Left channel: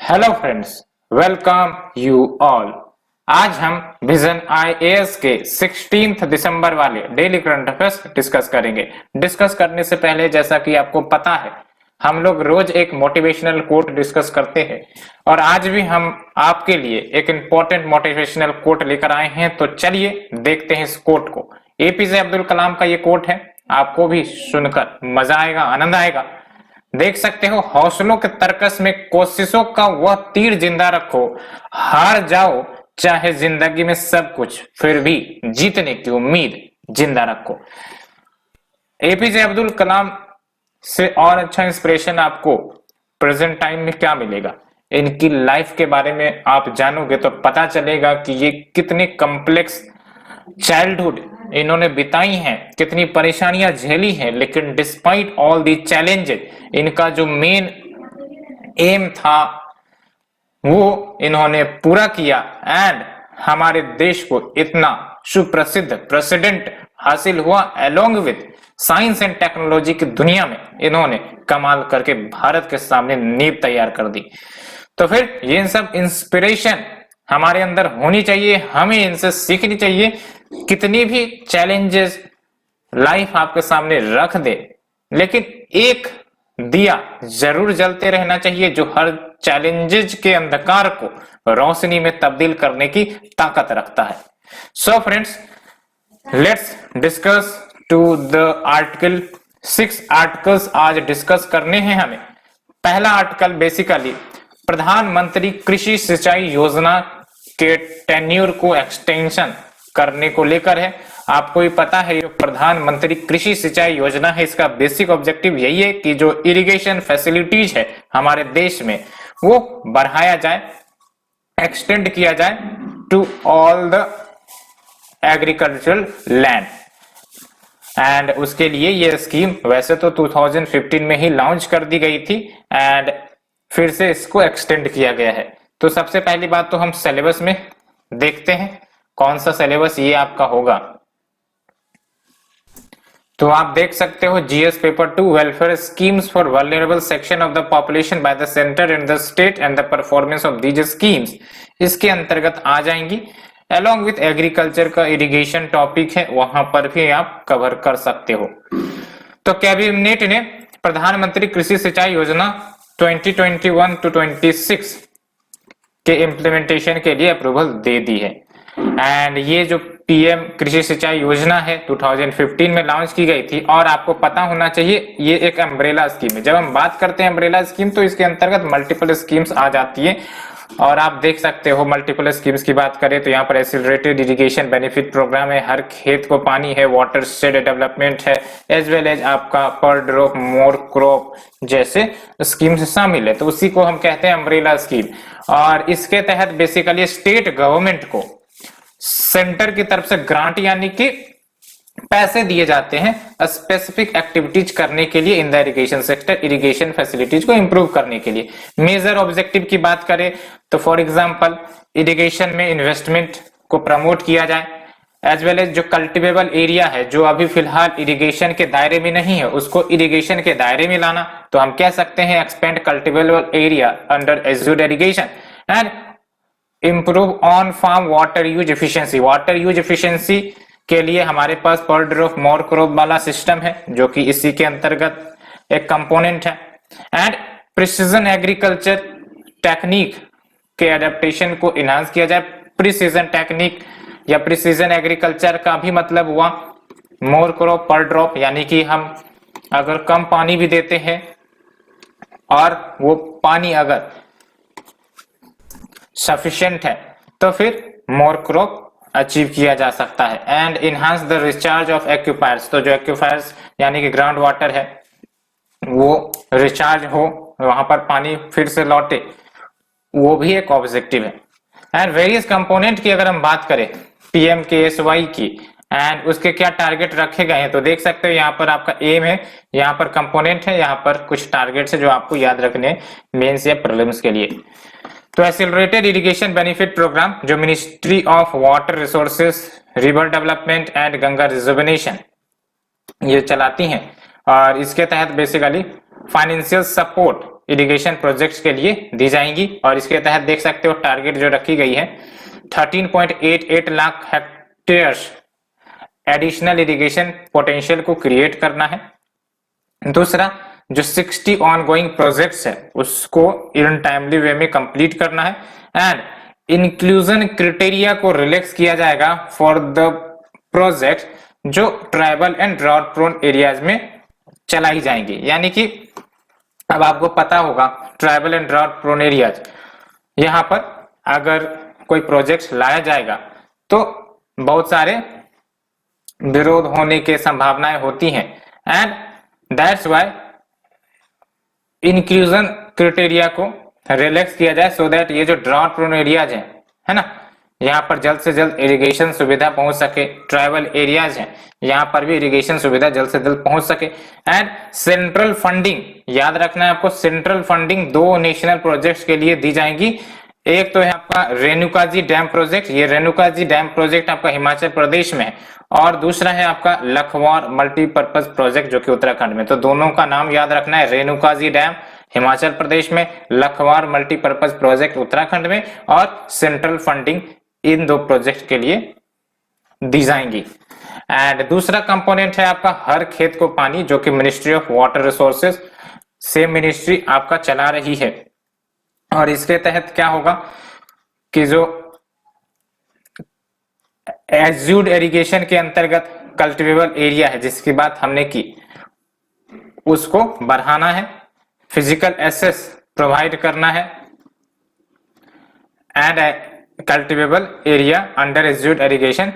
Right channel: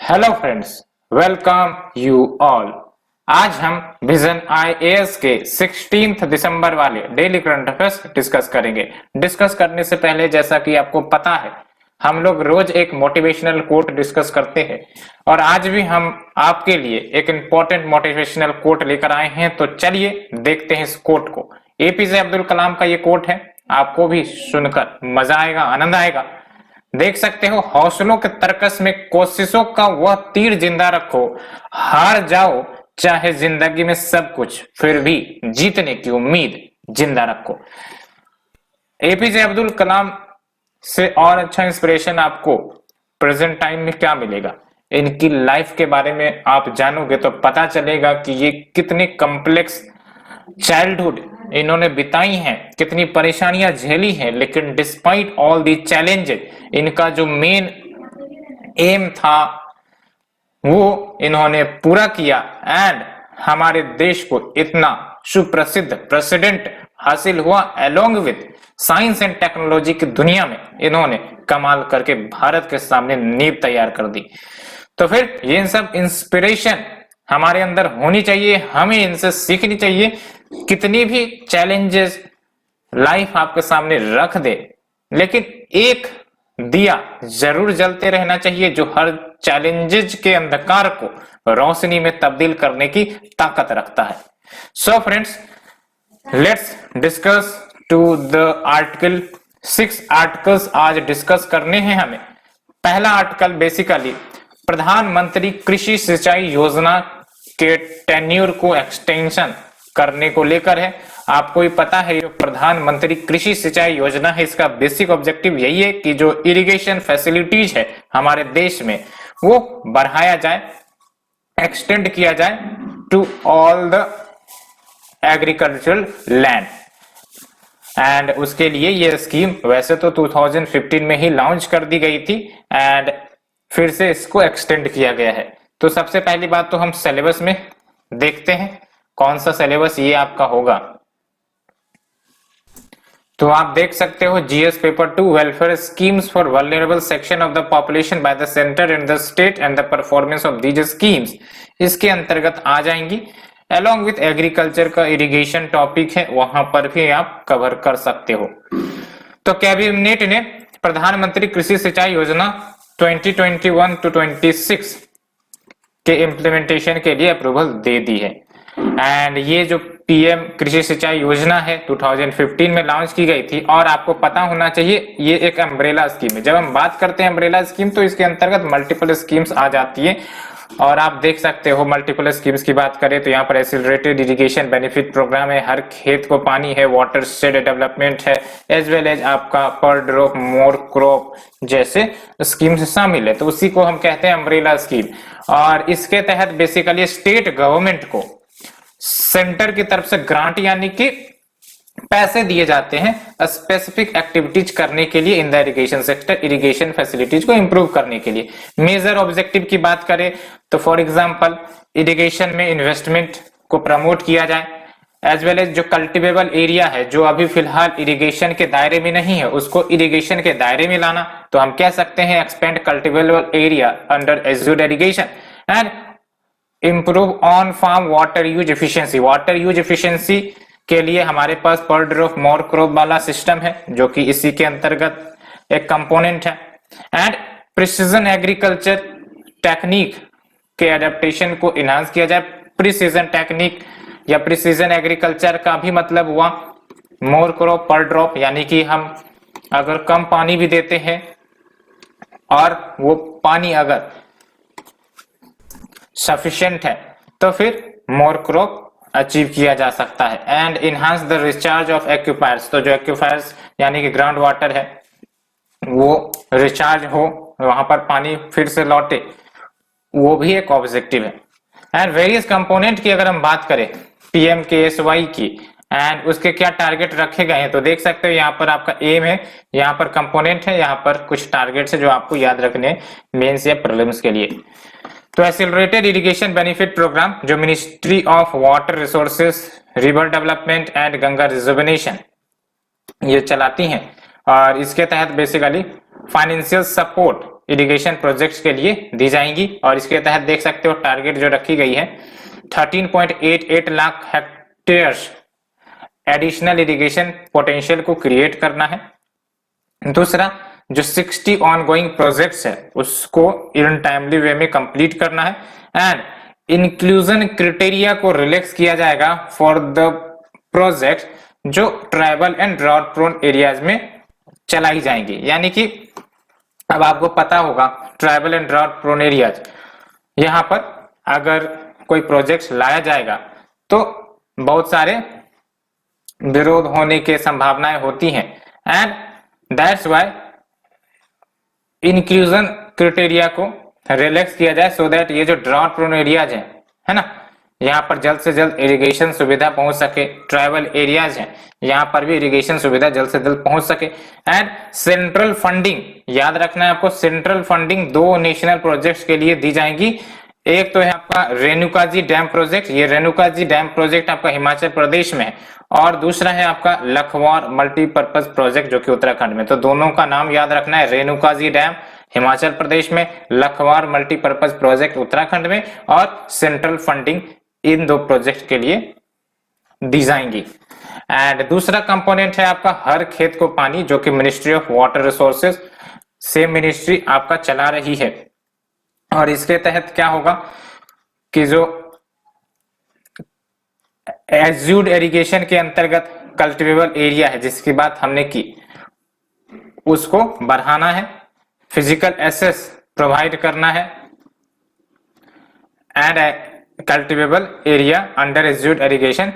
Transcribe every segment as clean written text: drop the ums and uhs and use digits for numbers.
Hello friends, welcome you all. आज हम vision IAS के 16 दिसंबर वाले डेली करंट अफेयर्स डिस्कस करेंगे। डिस्कस करने से पहले जैसा कि आपको पता है, हम लोग रोज एक मोटिवेशनल कोट डिस्कस करते हैं और आज भी हम आपके लिए एक इम्पोर्टेंट मोटिवेशनल कोट लेकर आए हैं। तो चलिए देखते हैं इस कोट को। एपीजे अब्दुल कलाम का ये कोट है, आपको भी सुनकर मजा आएगा, आनंद आएगा। देख सकते हो, हौसलों के तर्कस में कोशिशों का वह तीर जिंदा रखो, हार जाओ चाहे जिंदगी में सब कुछ, फिर भी जीतने की उम्मीद जिंदा रखो। एपीजे अब्दुल कलाम से और अच्छा इंस्पिरेशन आपको प्रेजेंट टाइम में क्या मिलेगा? इनकी लाइफ के बारे में आप जानोगे तो पता चलेगा कि ये कितनी कॉम्प्लेक्स चाइल्डहुड इन्होंने बिताई हैं, कितनी परेशानियां झेली हैं, लेकिन डिस्पाइट ऑल दी चैलेंजेस इनका जो मेन एम था वो इन्होंने पूरा किया एंड हमारे देश को इतना सुप्रसिद्ध प्रेसिडेंट हासिल हुआ। Along with science and technology की दुनिया में इन्होंने कमाल करके भारत के सामने नींव तैयार कर दी। तो फिर ये सब इंस्पिरेशन हमारे अंदर होनी चाहिए, हमें इनसे सीखनी चाहिए। कितनी भी चैलेंजेस लाइफ आपके सामने रख दे, लेकिन एक दिया जरूर जलते रहना चाहिए जो हर चैलेंजेस के अंधकार को रोशनी में तब्दील करने की ताकत रखता है। So friends, let's discuss to the article. 6 articles आज डिस्कस करने हैं हमें। पहला आर्टिकल बेसिकली प्रधानमंत्री कृषि सिंचाई योजना के टेन्यूर को एक्सटेंशन करने को लेकर है। आपको ही पता है, ये प्रधानमंत्री कृषि सिंचाई योजना है, इसका बेसिक ऑब्जेक्टिव यही है कि जो इरिगेशन फैसिलिटीज है हमारे देश में वो बढ़ाया जाए, एक्सटेंड किया जाए to all the agricultural land. And उसके लिए ये स्कीम वैसे तो 2015 में ही लॉन्च कर दी गई थी एंड फिर से इसको एक्सटेंड किया गया है। तो सबसे पहली बात तो हम सिलेबस में देखते हैं कौन सा सिलेबस ये आपका होगा। तो आप देख सकते हो, GS paper 2 welfare schemes for vulnerable section of the population by the centre and the state and the performance of these schemes इसके अंतर्गत आ जाएंगी। अलोंग विथ एग्रीकल्चर का इरिगेशन टॉपिक है, वहां पर भी आप कवर कर सकते हो। तो कैबिनेट ने प्रधानमंत्री कृषि सिंचाई योजना 2021 to 26 के इम्प्लीमेंटेशन के लिए अप्रूवल दे दी है। एंड ये जो पीएम कृषि सिंचाई योजना है 2015 में लॉन्च की गई थी और आपको पता होना चाहिए ये एक अम्ब्रेला स्कीम है। जब हम बात करते हैं अम्ब्रेला स्कीम तो इसके अंतर्गत मल्टीपल स्कीम्स आ जाती है और आप देख सकते हो मल्टीपल स्कीम्स की बात करें तो यहाँ पर एक्सीलरेटेड इरिगेशन बेनिफिट प्रोग्राम है, हर खेत को पानी है, वाटर शेड डेवलपमेंट है, एज वेल एज आपका पर ड्रॉप मोर क्रॉप जैसे स्कीम्स शामिल है। तो उसी को हम कहते हैं अम्ब्रेला स्कीम। और इसके तहत बेसिकली स्टेट गवर्नमेंट को सेंटर की तरफ से ग्रांट यानी कि पैसे दिए जाते हैं स्पेसिफिक एक्टिविटीज करने के लिए in the irrigation sector, irrigation facilities को इंप्रूव करने के लिए। मेजर ऑब्जेक्टिव की बात करें तो फॉर एग्जांपल इरिगेशन में इन्वेस्टमेंट को प्रमोट किया जाए, एज वेल एज जो कल्टिवेबल एरिया है जो अभी फिलहाल इरिगेशन के दायरे में नहीं है उसको इरिगेशन के दायरे में लाना। तो हम कह सकते हैं expand cultivable area under assured irrigation and improve on farm water use efficiency. Water use efficiency के लिए हमारे पास पर ड्रॉप मोर क्रॉप वाला सिस्टम है जो कि इसी के अंतर्गत एक कंपोनेंट है। एंड प्रिसीजन एग्रीकल्चर टेक्निक के एडेप्टेशन को इनहांस किया जाए। प्रिसीजन टेक्निक या प्रिसीजन एग्रीकल्चर का भी मतलब हुआ मोर क्रॉप पर ड्रॉप, यानी कि हम अगर कम पानी भी देते हैं और वो पानी अगर सफिशिएंट है तो फिर मोर क्रॉप अचीव किया जा सकता है। And enhance the recharge of aquifers, तो जो एक्यूफायर्स यानी कि ग्राउंड वाटर है वो रिचार्ज हो, वहां पर पानी फिर से लौटे, वो भी एक ऑब्जेक्टिव है। एंड वेरियस कंपोनेंट की अगर हम बात करें पीएमकेएसवाई की एंड उसके क्या टारगेट रखे गए हैं तो देख सकते हो यहाँ पर आपका एम है, यहाँ पर कंपोनेंट है, यहाँ पर कुछ टारगेट्स है जो आपको याद रखने मेंस या प्रीलिम्स के लिए। तो एक्सीलरेटेड इरिगेशन बेनिफिट प्रोग्राम जो ministry of water resources, river development and Ganga rejuvenation ये चलाती हैं और इसके तहत basically financial support irrigation projects के लिए दी जाएंगी। और इसके तहत देख सकते हो टारगेट जो रखी गई है 13.88 lakh hectares additional irrigation potential को क्रिएट करना है। दूसरा, जो 60 ऑनगोइंग प्रोजेक्ट्स है उसको इन टाइमली वे में कंप्लीट करना है। एंड इंक्लूजन क्राइटेरिया को रिलैक्स किया जाएगा फॉर द प्रोजेक्ट जो tribal and drought prone areas में चलाई जाएंगी। यानी कि अब आपको पता होगा tribal and drought prone areas, यहाँ पर अगर कोई प्रोजेक्ट लाया जाएगा तो बहुत सारे विरोध होने की संभावनाएं होती हैं। And that's why inclusion criteria को रिलैक्स किया जाए सो दैट ये जो ड्राउट प्रोन एरियाज है ना, यहाँ पर जल्द से जल्द इरिगेशन सुविधा पहुंच सके। ट्राइबल एरियाज हैं यहाँ पर भी इरिगेशन सुविधा जल्द से जल्द पहुंच सके। एंड सेंट्रल फंडिंग, याद रखना है आपको, सेंट्रल फंडिंग 2 नेशनल प्रोजेक्ट्स के लिए दी जाएंगी। एक तो है आपका रेणुकाजी डैम प्रोजेक्ट, ये रेणुकाजी डैम प्रोजेक्ट आपका हिमाचल प्रदेश में है, और दूसरा है आपका लखवार मल्टीपर्पज प्रोजेक्ट जो कि उत्तराखंड में। तो दोनों का नाम याद रखना है, रेणुकाजी डैम हिमाचल प्रदेश में, लखवार मल्टीपर्पज प्रोजेक्ट उत्तराखंड में, और सेंट्रल फंडिंग इन 2 प्रोजेक्ट के लिए दी जाएंगी। एंड दूसरा कंपोनेंट है आपका हर खेत को पानी, जो कि ministry of water resources same ministry आपका चला रही है। और इसके तहत क्या होगा कि जो एज्यूड इरिगेशन के अंतर्गत कल्टिवेबल एरिया है जिसकी बात हमने की, उसको बढ़ाना है, फिजिकल एसेस प्रोवाइड करना है, and cultivable area under assured irrigation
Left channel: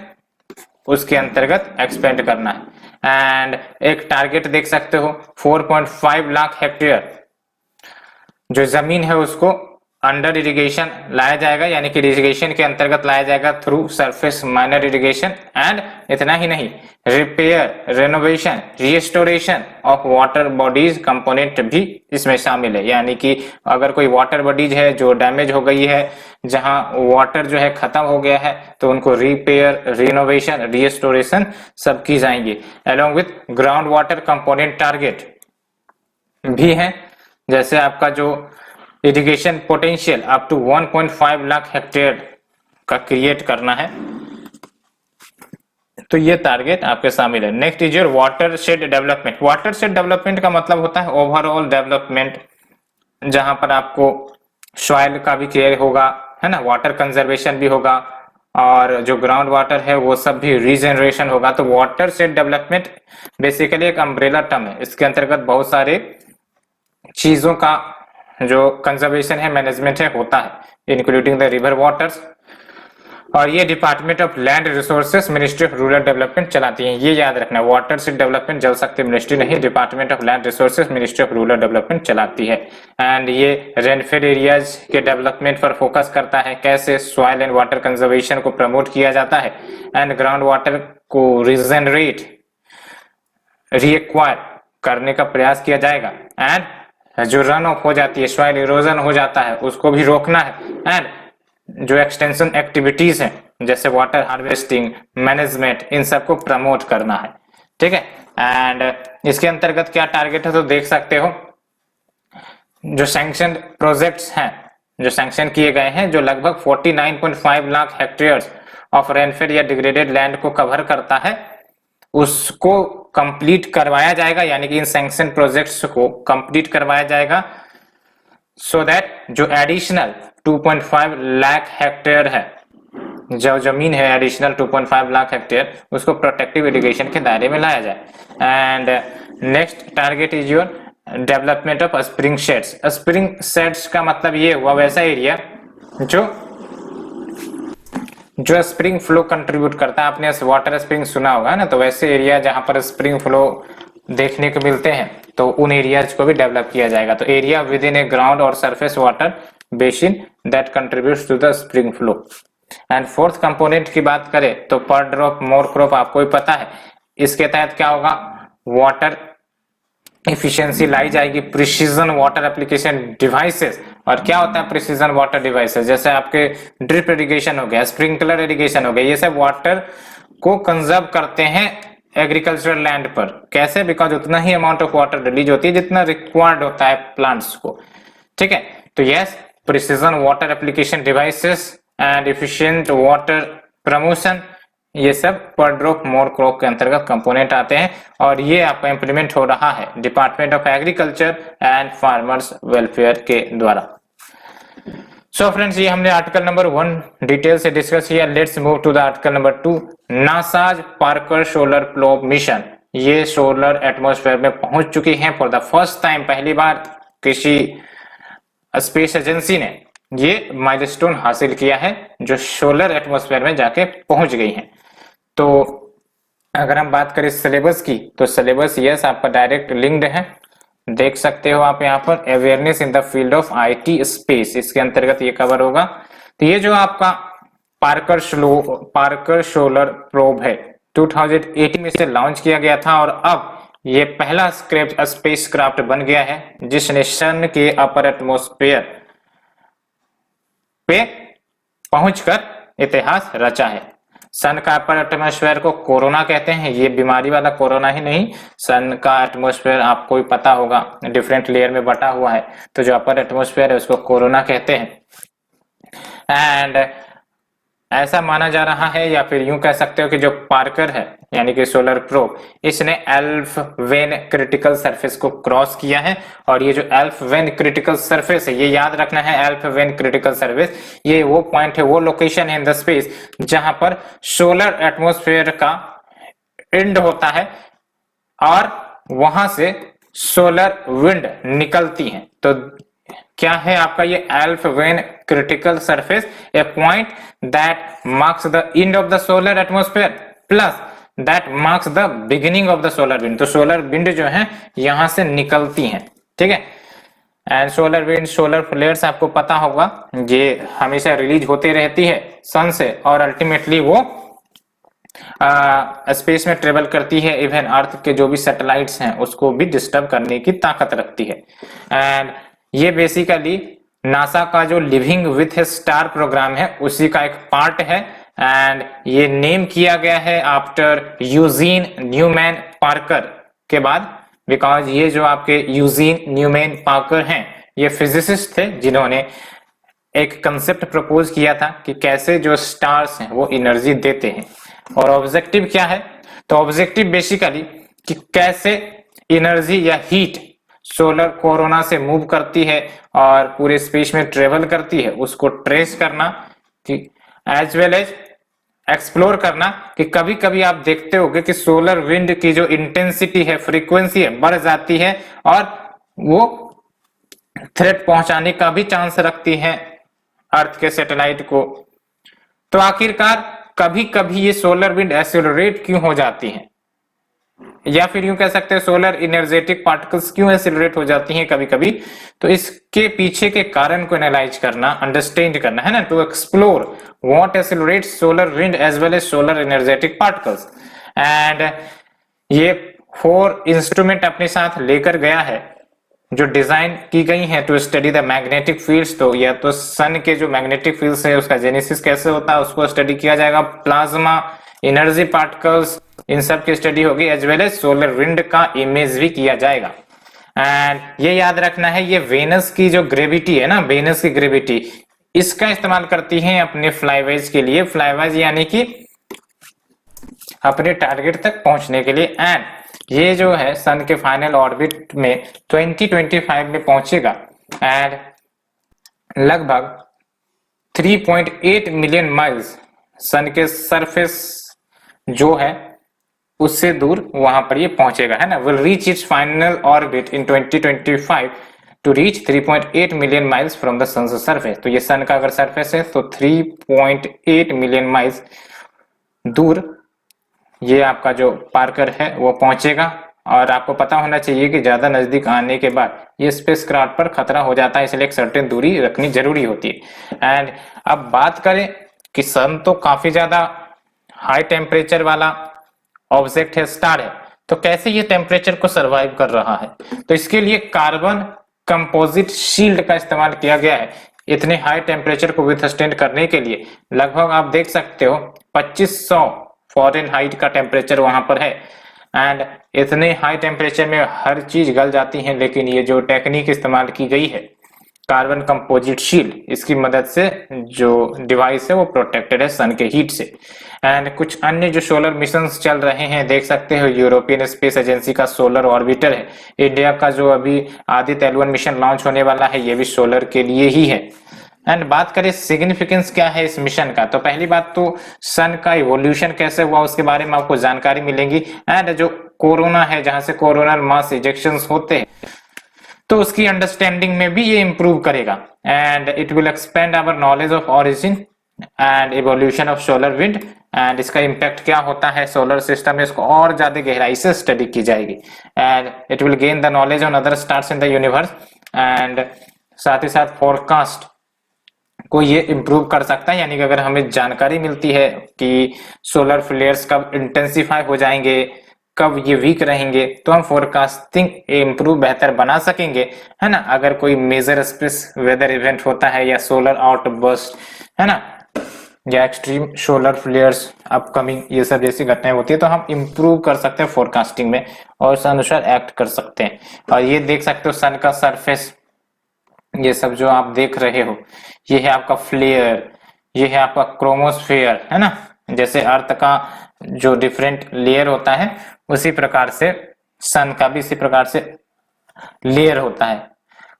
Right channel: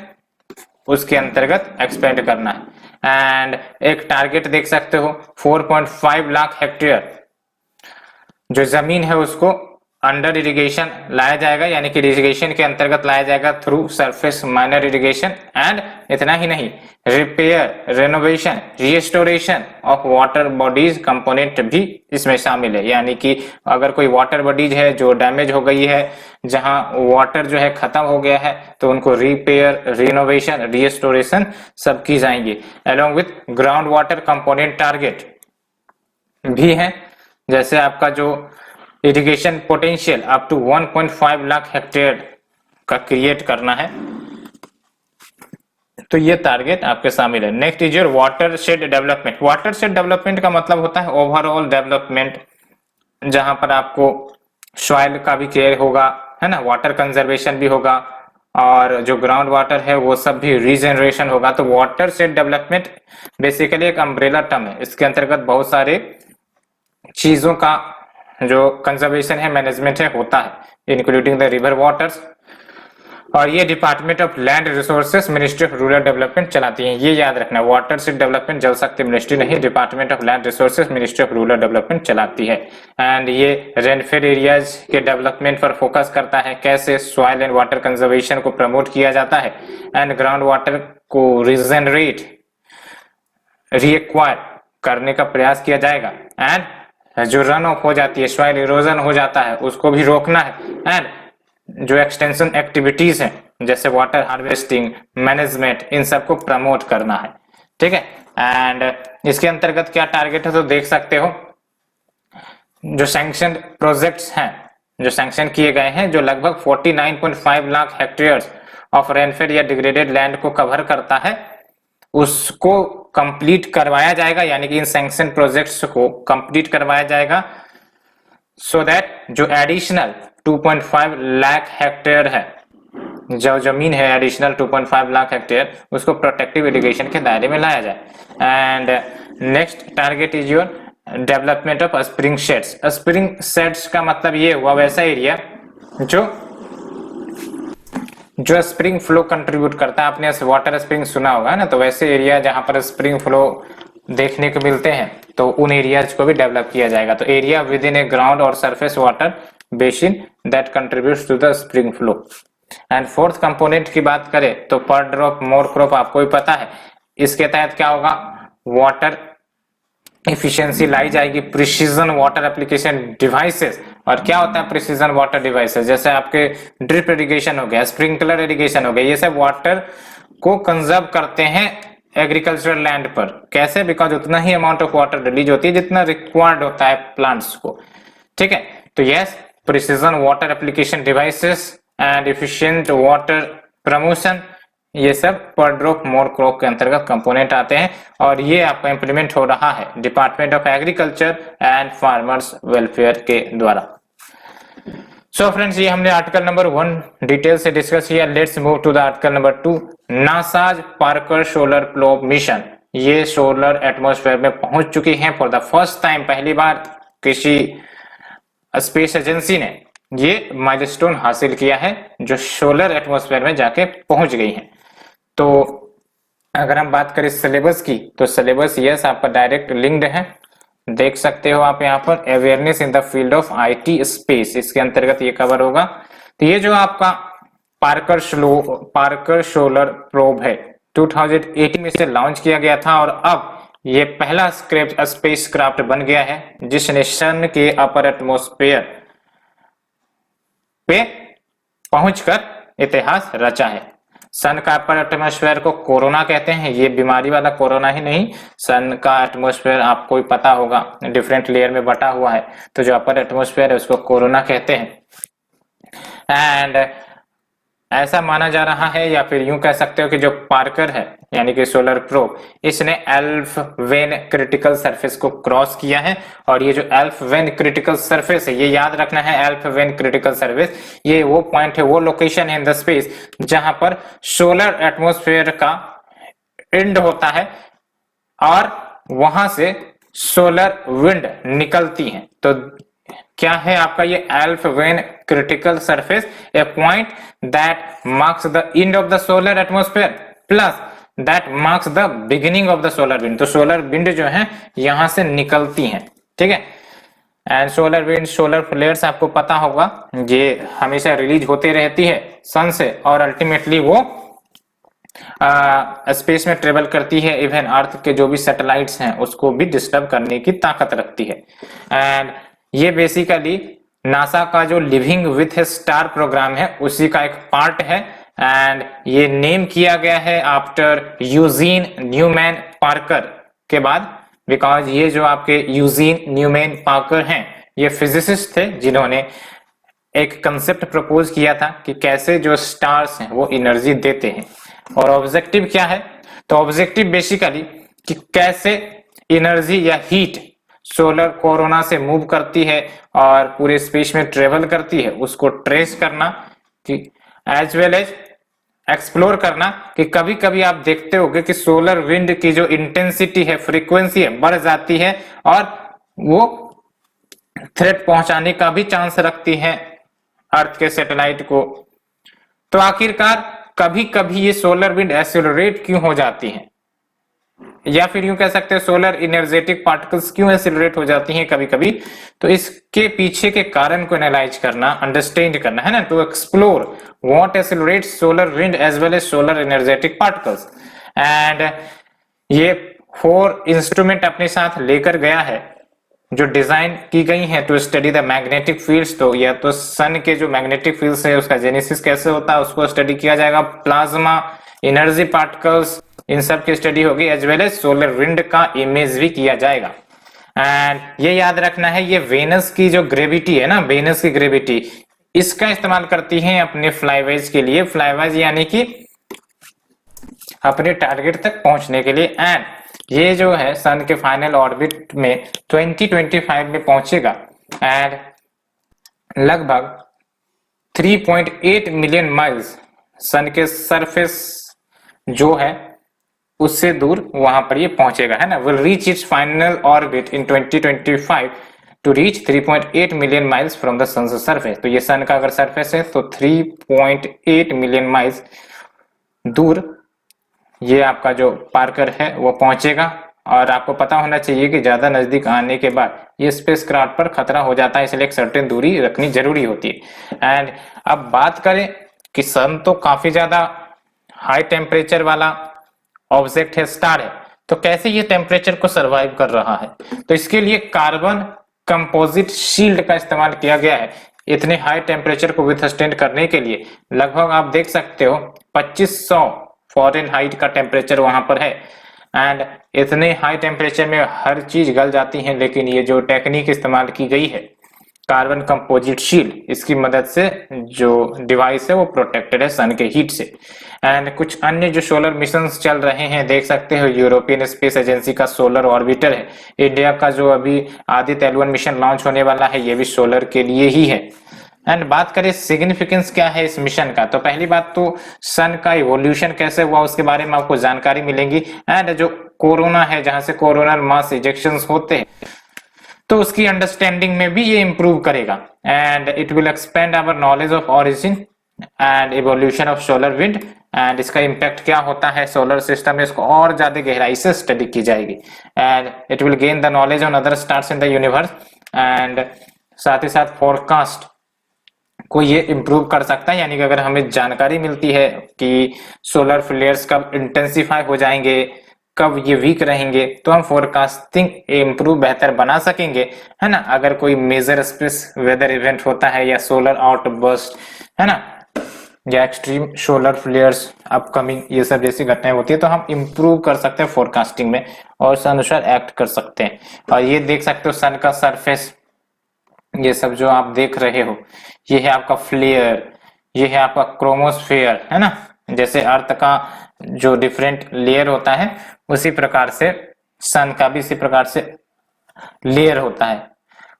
उसके अंतर्गत एक्सपेंड करना है। एंड एक टारगेट देख सकते हो 4.5 लाख हेक्टेयर जो जमीन है उसको अंडर इरिगेशन लाया जाएगा, यानी कि इरिगेशन के अंतर्गत लाया जाएगा through surface miner irrigation. And इतना ही नहीं, repair, renovation, restoration of water bodies component भी इसमें शामिल है। यानी कि अगर कोई वाटर बॉडीज है जो डैमेज हो गई है, जहां वाटर जो है खत्म हो गया है, तो उनको रिपेयर, रिनोवेशन, रिस्टोरेशन सब की जाएंगी। Along with ground water component target भी है, जैसे आपका जो irrigation potential up to 1.5 lakh hectare का क्रिएट करना है, तो ये टारगेट आपके शामिल है। Next is your water shed development. Water shed development का मतलब होता है ओवरऑल डेवलपमेंट, जहां पर आपको सॉइल का भी केयर होगा, है ना, वाटर कंजर्वेशन भी होगा, और जो ग्राउंड वाटर है वो सब भी रीजनरेशन होगा। तो वाटर शेड डेवलपमेंट बेसिकली एक अम्ब्रेला टर्म है, इसके अंतर्गत बहुत सारे चीजों का जो कंजर्वेशन है, मैनेजमेंट है, होता है, इंक्लूडिंग द रिवर वाटर्स। और ये department of land resources ministry of rural development चलाती है, ये याद रखना। वाटर शेड डेवलपमेंट जल शक्ति मिनिस्ट्री नहीं, department of land resources ministry of rural development चलाती है। एंड ये रेनफेड एरियाज के डेवलपमेंट पर फोकस करता है, कैसे सॉइल एंड वाटर कंजर्वेशन को प्रमोट किया जाता है, एंड ग्राउंड वाटर को रीजनरेट, रीएक्वायर करने का प्रयास किया जाएगा। एंड जो रन ऑफ हो जाती है, सॉइल इरोजन हो जाता है, उसको भी रोकना है। एंड जो एक्सटेंशन एक्टिविटीज हैं जैसे वाटर हार्वेस्टिंग, मैनेजमेंट, इन सबको प्रमोट करना है, ठीक है। एंड इसके अंतर्गत क्या टारगेट है तो देख सकते हो, जो सैंक्शन प्रोजेक्ट्स हैं, जो सैंक्शन किए गए हैं, जो लगभग 49.5 लाख हेक्टेयर ऑफ रेनफेड या डिग्रेडेड लैंड को कवर करता है, उसको कंप्लीट करवाया जाएगा। यानी कि इन सैंक्शन प्रोजेक्ट्स को कंप्लीट करवाया जाएगा सो दैट जो एडिशनल 2.5 लाख हेक्टेयर है, जो जमीन है एडिशनल 2.5 लाख हेक्टेयर, उसको प्रोटेक्टिव इरिगेशन के दायरे में लाया जाए। And next target is your development of spring shades. Spring shades का मतलब ये हुआ वैसा एरिया जो स्प्रिंग फ्लो कंट्रीब्यूट करता है। आपने वाटर स्प्रिंग सुना होगा ना, तो वैसे एरिया जहां पर स्प्रिंग फ्लो देखने को मिलते हैं, तो उन एरियाज को भी डेवलप किया जाएगा। तो area within a ground और surface water basin that contributes to the spring flow. And fourth component की बात करें तो पर ड्रॉप मोर क्रॉप, आपको ही पता है। इसके तहत क्या होगा, वाटर इफिशियंसी लाई जाएगी, प्रिसीजन वाटर एप्लीकेशन डिवाइसेस। और क्या होता है प्रिसीजन वाटर डिवाइसेस, जैसे आपके ड्रिप इरिगेशन हो गया, स्प्रिंकलर इरिगेशन हो गया, ये सब वाटर को कंजर्व करते हैं एग्रीकल्चरल लैंड पर। कैसे, बिकॉज उतना ही अमाउंट ऑफ वाटर रिलीज होती है जितना रिक्वायर्ड होता है प्लांट्स को। ठीक है। तो yes, precision water application devices and efficient water promotion, ये सब पर ड्रॉप मोर क्रॉप के अंतर्गत कंपोनेंट आते हैं और ये आपका इंप्लीमेंट हो रहा है department of agriculture and farmers welfare के द्वारा। सो फ्रेंड्स, ये हमने आर्टिकल नंबर 1 डिटेल से डिस्कस किया। Let's move to the article number 2, NASA's Parker solar probe mission. ये सोलर एटमॉस्फेयर में पहुंच चुकी हैं फॉर द फर्स्ट टाइम, पहली बार किसी स्पेस एजेंसी ने ये माइलस्टोन हासिल किया है जो सोलर एटमॉस्फेयर में जाके पहुंच गई है। तो अगर हम बात करें सिलेबस की, तो सिलेबस यस आपका डायरेक्ट लिंक्ड है, देख सकते हो आप यहाँ पर, awareness in the field of IT space, इसके अंतर्गत ये कवर होगा। तो ये जो आपका पार्कर सोलर प्रोब है 2018 में से लॉन्च किया गया था और अब ये पहला स्पेस क्राफ्ट बन गया है जिसने सन के अपर एटमॉस्फेयर पे पहुंचकर इतिहास रचा है। सन का अपर एटमॉस्फेयर को कोरोना कहते हैं, ये बीमारी वाला कोरोना ही नहीं, सन का एटमॉस्फेयर आपको पता होगा डिफरेंट लेयर में बटा हुआ है, तो जो अपर एटमॉस्फेयर है उसको कोरोना कहते हैं। एंड ऐसा माना जा रहा है या फिर यूं कह सकते हो कि जो पार्कर है यानी कि सोलर प्रोब, इसने एल्फ वेन क्रिटिकल सरफेस को क्रॉस किया है और ये जो एल्फ वेन क्रिटिकल सरफेस है, ये याद रखना है, एल्फ वेन क्रिटिकल सरफेस ये वो पॉइंट है, वो लोकेशन है इन द स्पेस जहां पर सोलर एटमॉस्फेयर का एंड होता है और वहां से सोलर विंड निकलती है। तो क्या है आपका ये elf when critical surface, A point that marks the end of the solar atmosphere plus that marks the beginning of the solar wind. तो सोलर विंड जो है यहां से निकलती है, ठीक है। And solar wind, solar flares आपको पता होगा, ये हमेशा रिलीज होते रहती है सन से और अल्टीमेटली वो स्पेस में ट्रेवल करती है, इवन अर्थ के जो भी सैटेलाइट्स हैं उसको भी डिस्टर्ब करने की ताकत रखती है। एंड ये बेसिकली नासा का जो लिविंग विथ स्टार प्रोग्राम है उसी का एक पार्ट है एंड ये नेम किया गया है आफ्टर यूजीन न्यूमैन पार्कर के बाद, बिकॉज ये जो आपके यूजीन न्यूमैन पार्कर हैं ये फिजिसिस्ट थे जिन्होंने एक कंसेप्ट प्रपोज किया था कि कैसे जो स्टार्स हैं वो एनर्जी देते हैं और ऑब्जेक्टिव क्या है, तो ऑब्जेक्टिव बेसिकली कि कैसे एनर्जी या हीट सोलर कोरोना से मूव करती है और पूरे स्पेस में ट्रेवल करती है, उसको ट्रेस करना कि एज वेल एज एक्सप्लोर करना कि कभी कभी आप देखते होंगे कि सोलर विंड की जो इंटेंसिटी है, फ्रीक्वेंसी है, बढ़ जाती है और वो थ्रेट पहुंचाने का भी चांस रखती है अर्थ के सैटेलाइट को। तो आखिरकार कभी कभी ये सोलर विंड एक्सेलरेट क्यों हो जाती है, या फिर यूं कह सकते हैं सोलर एनर्जेटिक पार्टिकल्स क्यों एक्सेलरेट हो जाती हैं कभी कभी, तो इसके पीछे के कारण को एनालाइज करना, अंडरस्टैंड करना है ना, to explore what accelerates solar wind as well as solar energetic particles. And ये 4 इंस्ट्रूमेंट अपने साथ लेकर गया है जो डिजाइन की गई है to study the magnetic fields. तो या तो सन के जो मैग्नेटिक फील्ड्स है उसका जेनेसिस कैसे होता है उसको स्टडी किया जाएगा, प्लाज्मा, एनर्जी पार्टिकल्स, इन सब की स्टडी होगी, as well as solar wind का इमेज भी किया जाएगा। एंड ये याद रखना है, ये वेनस की जो ग्रेविटी है ना, वेनस की ग्रेविटी, इसका इस्तेमाल करती है अपने फ्लाईवेज के लिए, फ्लाईवेज यानी कि अपने टारगेट तक पहुंचने के लिए। एंड ये जो है सन के फाइनल ऑर्बिट में 2025 में पहुंचेगा एंड लगभग 3.8 मिलियन माइल्स सन के सरफेस जो है उससे दूर वहां पर ये पहुंचेगा, है ना। Will reach its final orbit in 2025 to reach 3.8 million miles from the sun surface. तो ये सन का अगर सरफेस है तो 3.8 मिलियन माइल्स दूर ये आपका जो पार्कर है वो पहुंचेगा। और आपको पता होना चाहिए कि ज्यादा नजदीक आने के बाद ये स्पेसक्राफ्ट पर खतरा हो जाता है, इसलिए एक सर्टेन दूरी रखनी जरूरी होती है। एंड अब बात करें कि सन तो काफी ज्यादा हाई टेम्परेचर वाला ऑब्जेक्ट है, स्टार है, तो कैसे ये टेम्परेचर को सरवाइव कर रहा है, तो इसके लिए कार्बन कंपोजिट शील्ड का इस्तेमाल किया गया है। इतने हाई टेम्परेचर को विथस्टैंड करने के लिए लगभग आप देख सकते हो 2500 फ़ारेनहाइट का टेम्परेचर वहां पर है। एंड इतने हाई टेम्परेचर में हर चीज गल जाती है, लेकिन ये जो टेक्निक इस्तेमाल की गई है कार्बन कंपोजिट शील्ड, इसकी मदद से जो डिवाइस है वो प्रोटेक्टेड है सन के हीट से। एंड कुछ अन्य जो सोलर मिशन चल रहे हैं, देख सकते हो यूरोपियन स्पेस एजेंसी का सोलर ऑर्बिटर है, इंडिया का जो अभी आदित्य L1 मिशन लॉन्च होने वाला है ये भी सोलर के लिए ही है। एंड बात करें सिग्निफिकेंस क्या है इस मिशन का, तो पहली बात तो सन का इवोल्यूशन कैसे हुआ उसके बारे में आपको जानकारी मिलेगी। एंड जो कोरोना है, जहां से कोरोनल मास इजेक्शंस होते हैं, तो उसकी अंडरस्टैंडिंग में भी ये इंप्रूव करेगा। And it will expand our knowledge of origin and evolution of solar wind. And इसका इम्पैक्ट क्या होता है सोलर सिस्टम में, इसको और ज्यादा गहराई से स्टडी की जाएगी। And it will gain the knowledge on other stars in the universe. And साथ ही साथ फोरकास्ट को ये इम्प्रूव कर सकता है, यानी कि अगर हमें जानकारी मिलती है कि सोलर फ्लेयर्स कब इंटेंसिफाई हो जाएंगे, कब ये वीक रहेंगे, तो हम फोरकास्टिंग इम्प्रूव बेहतर बना सकेंगे, है ना। अगर कोई मेजर स्पेस वेदर इवेंट होता है या सोलर आउटबर्स्ट, है ना, या एक्सट्रीम सोलर फ्लेयर्स अपकमिंग, ये सब जैसी घटनाएं होती है, तो हम इम्प्रूव कर सकते हैं फोरकास्टिंग में और उस अनुसार एक्ट कर सकते हैं। और ये देख सकते हो सन का सरफेस, ये सब जो आप देख रहे हो, ये है आपका फ्लेयर, ये है आपका क्रोमोस्फेयर, है ना। जैसे अर्थ का जो डिफरेंट लेयर होता है, उसी प्रकार से सन का भी इसी प्रकार से लेयर होता है।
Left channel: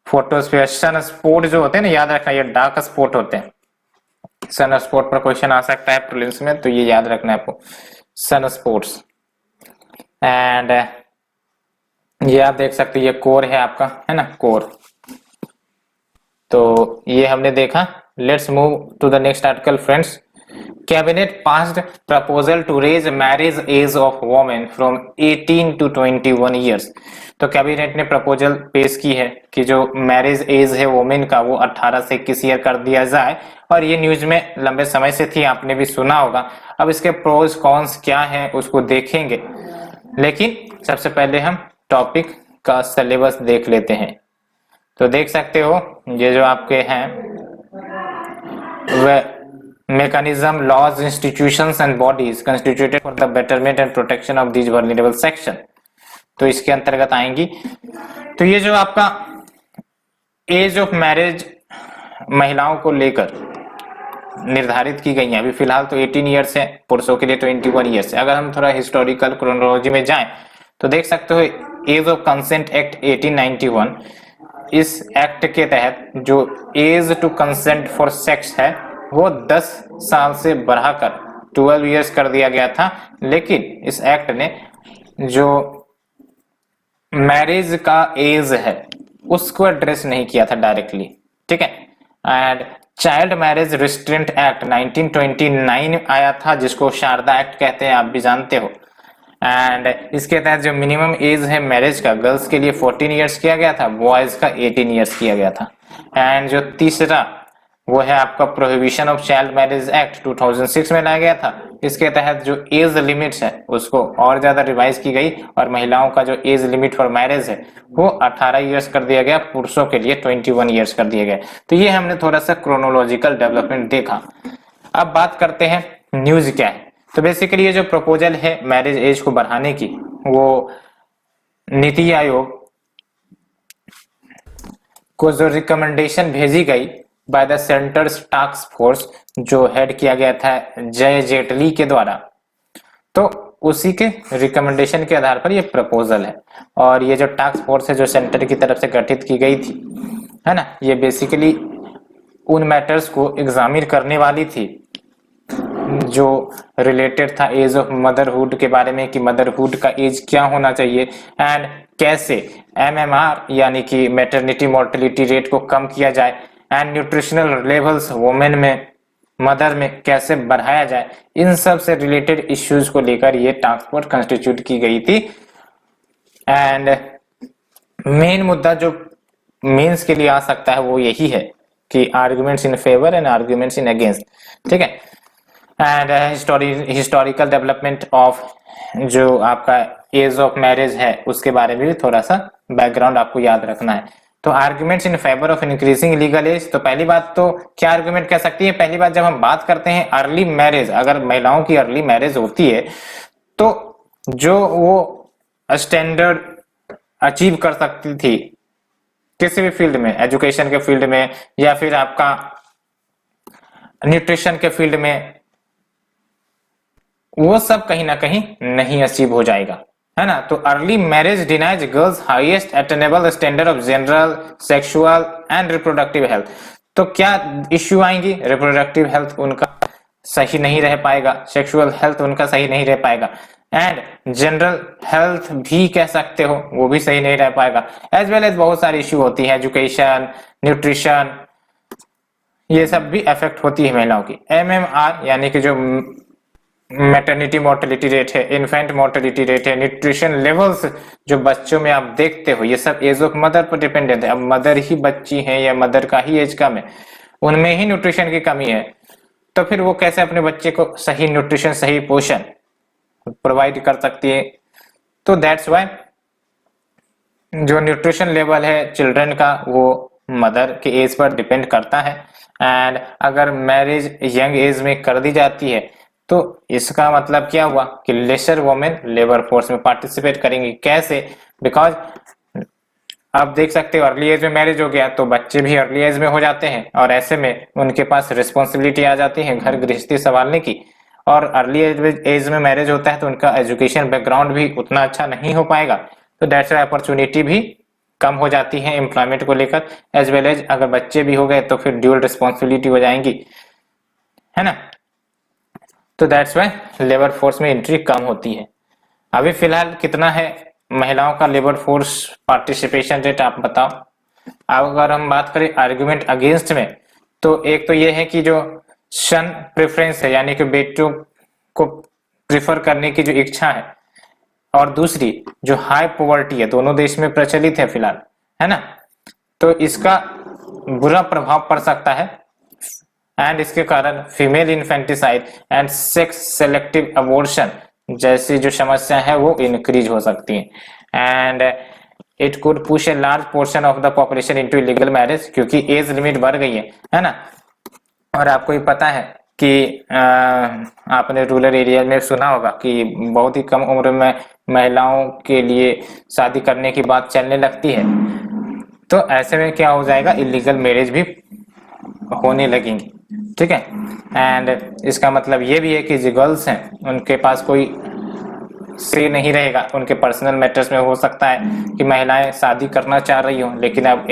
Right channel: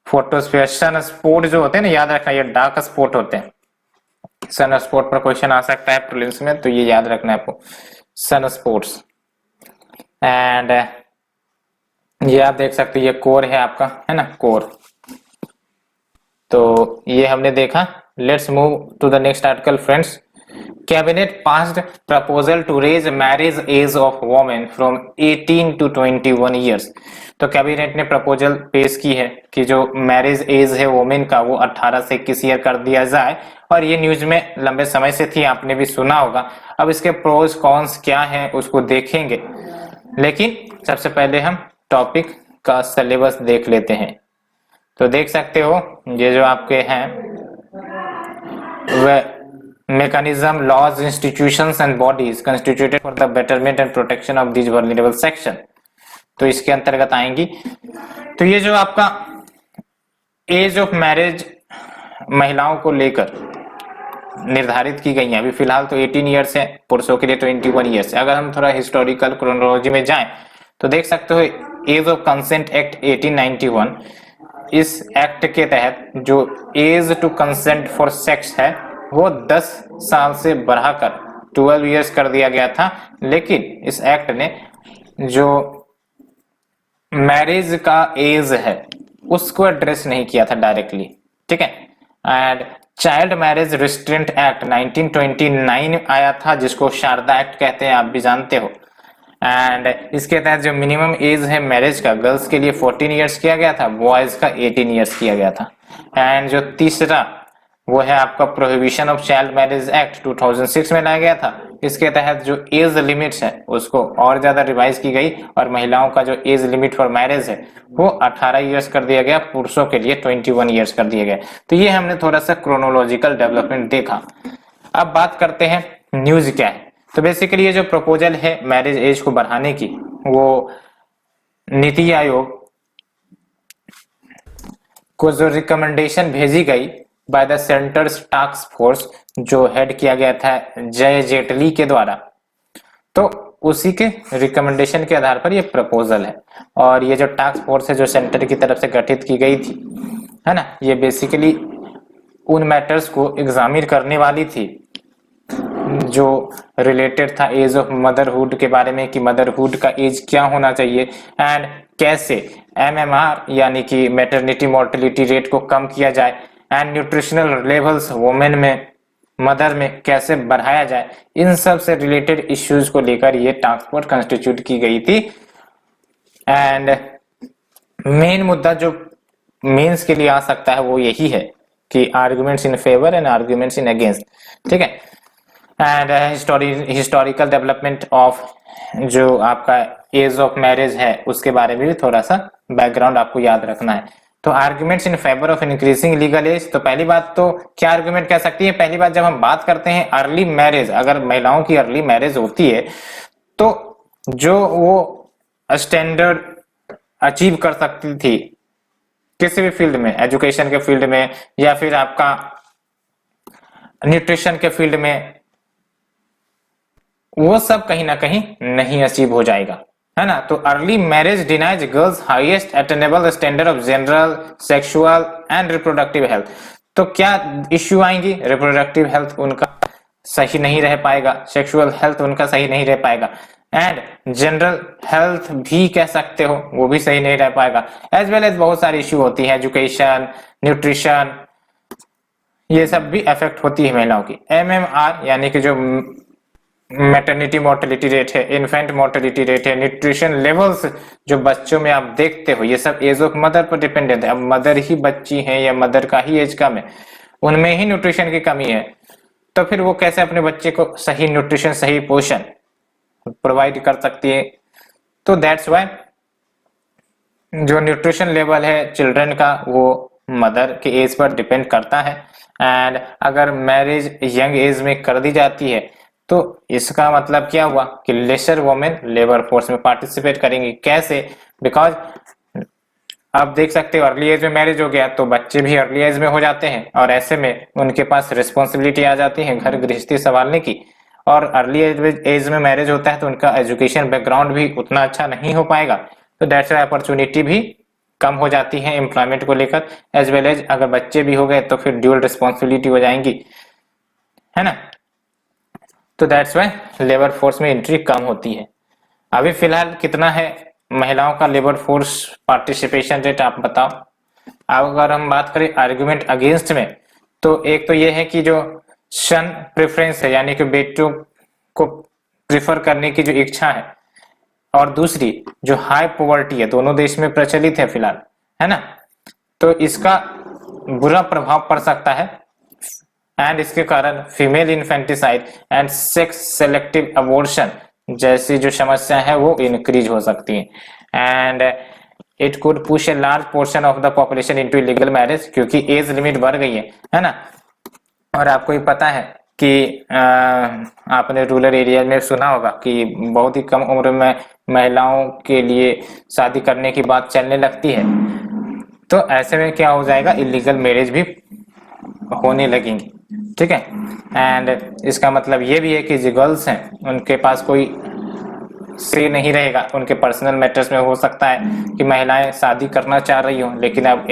फोटोस्फीयर, सन स्पॉट जो होते हैं ना, याद रखना ये डार्क स्पॉट होते हैं। सन स्पॉट पर क्वेश्चन आ सकता है प्रीलिम्स में, तो ये याद रखना है आपको, सन स्पॉट्स। एंड ये आप देख सकते हो, ये कोर है आपका, है ना, कोर। तो ये हमने देखा। Let's move to the next article friends. Cabinet passed proposal to raise marriage age of women from 18 to 21 years. तो कैबिनेट ने प्रपोजल पेश की है कि जो मैरिज एज है वोमेन का, वो 18 से 21 ईयर कर दिया जाए। और ये न्यूज में लंबे समय से थी, आपने भी सुना होगा। अब इसके प्रोज कॉन्स क्या है उसको देखेंगे, लेकिन सबसे पहले हम टॉपिक का सिलेबस देख लेते हैं। तो देख सकते हो ये जो आपके हैं mechanism, laws, institutions and bodies constituted for the betterment and protection of these vulnerable section, तो इसके अंतर्गत आएंगी। तो ये जो आपका एज ऑफ मैरिज महिलाओं को लेकर निर्धारित की गई है, अभी फिलहाल तो 18 ईयर्स है, पुरुषों के लिए 21 ईयर्स है। अगर हम थोड़ा हिस्टोरिकल क्रोनोलॉजी में जाएं तो देख सकते हो एज ऑफ कंसेंट एक्ट 1891, इस एक्ट के तहत जो age to consent for sex है वो 10 साल से बढ़ाकर 12 इयर्स कर दिया गया था। लेकिन इस एक्ट ने जो मैरिज का एज है उसको एड्रेस नहीं किया था डायरेक्टली, ठीक है। And child marriage restraint act 1929 आया था, जिसको शारदा एक्ट कहते हैं, आप भी जानते हो। एंड इसके तहत जो मिनिमम एज है मैरिज का, गर्ल्स के लिए 14 इयर्स किया गया था, बॉयज का 18 इयर्स किया गया था। एंड जो तीसरा वो है आपका prohibition of child marriage act 2006 में लाया गया था। इसके तहत जो एज लिमिट्स है उसको और ज्यादा रिवाइज की गई और महिलाओं का जो एज लिमिट फॉर मैरिज है वो 18 इयर्स कर दिया गया, पुरुषों के लिए 21 इयर्स कर दिया गया। तो ये हमने थोड़ा सा क्रोनोलॉजिकल डेवलपमेंट देखा। अब बात करते हैं न्यूज क्या है। तो बेसिकली ये जो प्रपोजल है मैरिज एज को बढ़ाने की, वो नीति आयोग को जो रिकमेंडेशन भेजी गई by the centres task force, जो हेड किया गया था जय जेटली के द्वारा, तो उसी के रिकमेंडेशन के आधार पर ये प्रपोजल है। और ये जो टास्क फोर्स है जो सेंटर की तरफ से गठित की गई थी, है ना, ये बेसिकली उन मैटर्स को एग्जामिन करने वाली थी जो रिलेटेड था एज ऑफ मदरहुड के बारे में, कि मदरहुड का एज क्या होना चाहिए एंड कैसे एमएमआर यानी कि मैटरनिटी मोर्टेलिटी रेट को कम किया जाए एंड न्यूट्रिशनल लेवल्स वुमेन में, मदर में कैसे बढ़ाया जाए। इन सब से रिलेटेड इश्यूज को लेकर ये टास्क फोर्स कंस्टिट्यूट की गई थी। एंड मेन मुद्दा जो मीन्स के लिए आ सकता है वो यही है कि arguments in favour and arguments in against, ठीक है। एंड हिस्टोरिकल डेवलपमेंट ऑफ जो आपका एज ऑफ मैरिज है उसके बारे में भी थोड़ा सा बैकग्राउंड आपको याद रखना है। तो arguments in favour of increasing legal age, तो पहली बात तो क्या आर्गुमेंट कह सकती है, पहली बात जब हम बात करते हैं अर्ली मैरिज, अगर महिलाओं की अर्ली मैरिज होती है तो जो वो स्टैंडर्ड अचीव कर सकती थी किसी भी फील्ड में, एजुकेशन के फील्ड में या फिर आपका न्यूट्रिशन के फील्ड में, वो सब कहीं ना कहीं नहीं अचीव हो जाएगा, है ना। तो early marriage denies girls highest attainable standard of general sexual and reproductive health. तो क्या इश्यू आएंगी, रिप्रोडक्टिव हेल्थ उनका सही नहीं रह पाएगा, सेक्सुअल हेल्थ उनका सही नहीं रह पाएगा, एंड जनरल हेल्थ भी कह सकते हो वो भी सही नहीं रह पाएगा। एज वेल एज बहुत सारी इश्यू होती है, एजुकेशन, न्यूट्रिशन, ये सब भी अफेक्ट होती है महिलाओं की। MMR यानी कि जो मैटरनिटी मोर्टेलिटी रेट है, इन्फेंट मोर्टेलिटी रेट है, न्यूट्रिशन लेवल्स जो बच्चों में आप देखते हो, ये सब एज ऑफ मदर पर डिपेंडेंट है। अब मदर ही बच्ची है या मदर का ही एज कम है, उनमें ही न्यूट्रिशन की कमी है, तो फिर वो कैसे अपने बच्चे को सही न्यूट्रिशन, सही पोषण प्रोवाइड कर सकती है। तो दैट्स वाई जो न्यूट्रिशन लेवल है चिल्ड्रन का वो मदर की एज पर डिपेंड करता है। एंड अगर मैरिज यंग एज में कर दी जाती है तो इसका मतलब क्या हुआ कि लेसर वुमेन लेबर फोर्स में पार्टिसिपेट करेंगी। कैसे? बिकॉज आप देख सकते हो अर्ली एज में मैरिज हो गया तो बच्चे भी अर्ली एज में हो जाते हैं, और ऐसे में उनके पास रिस्पॉन्सिबिलिटी आ जाती है घर गृहस्थी संभालने की। और अर्ली एज में मैरिज होता है तो उनका एजुकेशन बैकग्राउंड भी उतना अच्छा नहीं हो पाएगा, तो दैट्स अपॉर्चुनिटी भी कम हो जाती है एम्प्लॉयमेंट को लेकर। एज वेल एज अगर बच्चे भी हो गए तो फिर ड्यूअल रिस्पॉन्सिबिलिटी हो जाएंगी, है ना। तो दैट्स वाई लेबर फोर्स में एंट्री कम होती है। अभी फिलहाल कितना है महिलाओं का लेबर फोर्स पार्टिसिपेशन रेट, आप बताओ। अगर हम बात करें आर्गुमेंट अगेंस्ट में, तो एक तो ये है कि जो सन प्रेफरेंस है यानी कि बेटों को प्रिफर करने की जो इच्छा है, और दूसरी जो हाई पॉवर्टी है, दोनों देश में प्रचलित है फिलहाल, है ना। तो इसका बुरा प्रभाव पड़ सकता है, एंड इसके कारण female infanticide and sex selective abortion जैसी जो समस्या है वो इंक्रीज हो सकती है। And it could push a large portion of the population into illegal marriage, क्योंकि एज लिमिट बढ़ गई है ना। और आपको ये पता है कि आपने रूरल एरिया में सुना होगा कि बहुत ही कम उम्र में महिलाओं के लिए शादी करने की बात चलने लगती है, तो ऐसे में क्या हो जाएगा, इलीगल मैरिज भी होने लगेंगी, ठीक है। एंड इसका मतलब ये भी है कि जो गर्ल्स हैं उनके पास कोई से नहीं रहेगा उनके पर्सनल मैटर्स में। हो सकता है कि महिलाएं शादी करना चाह रही हो लेकिन अब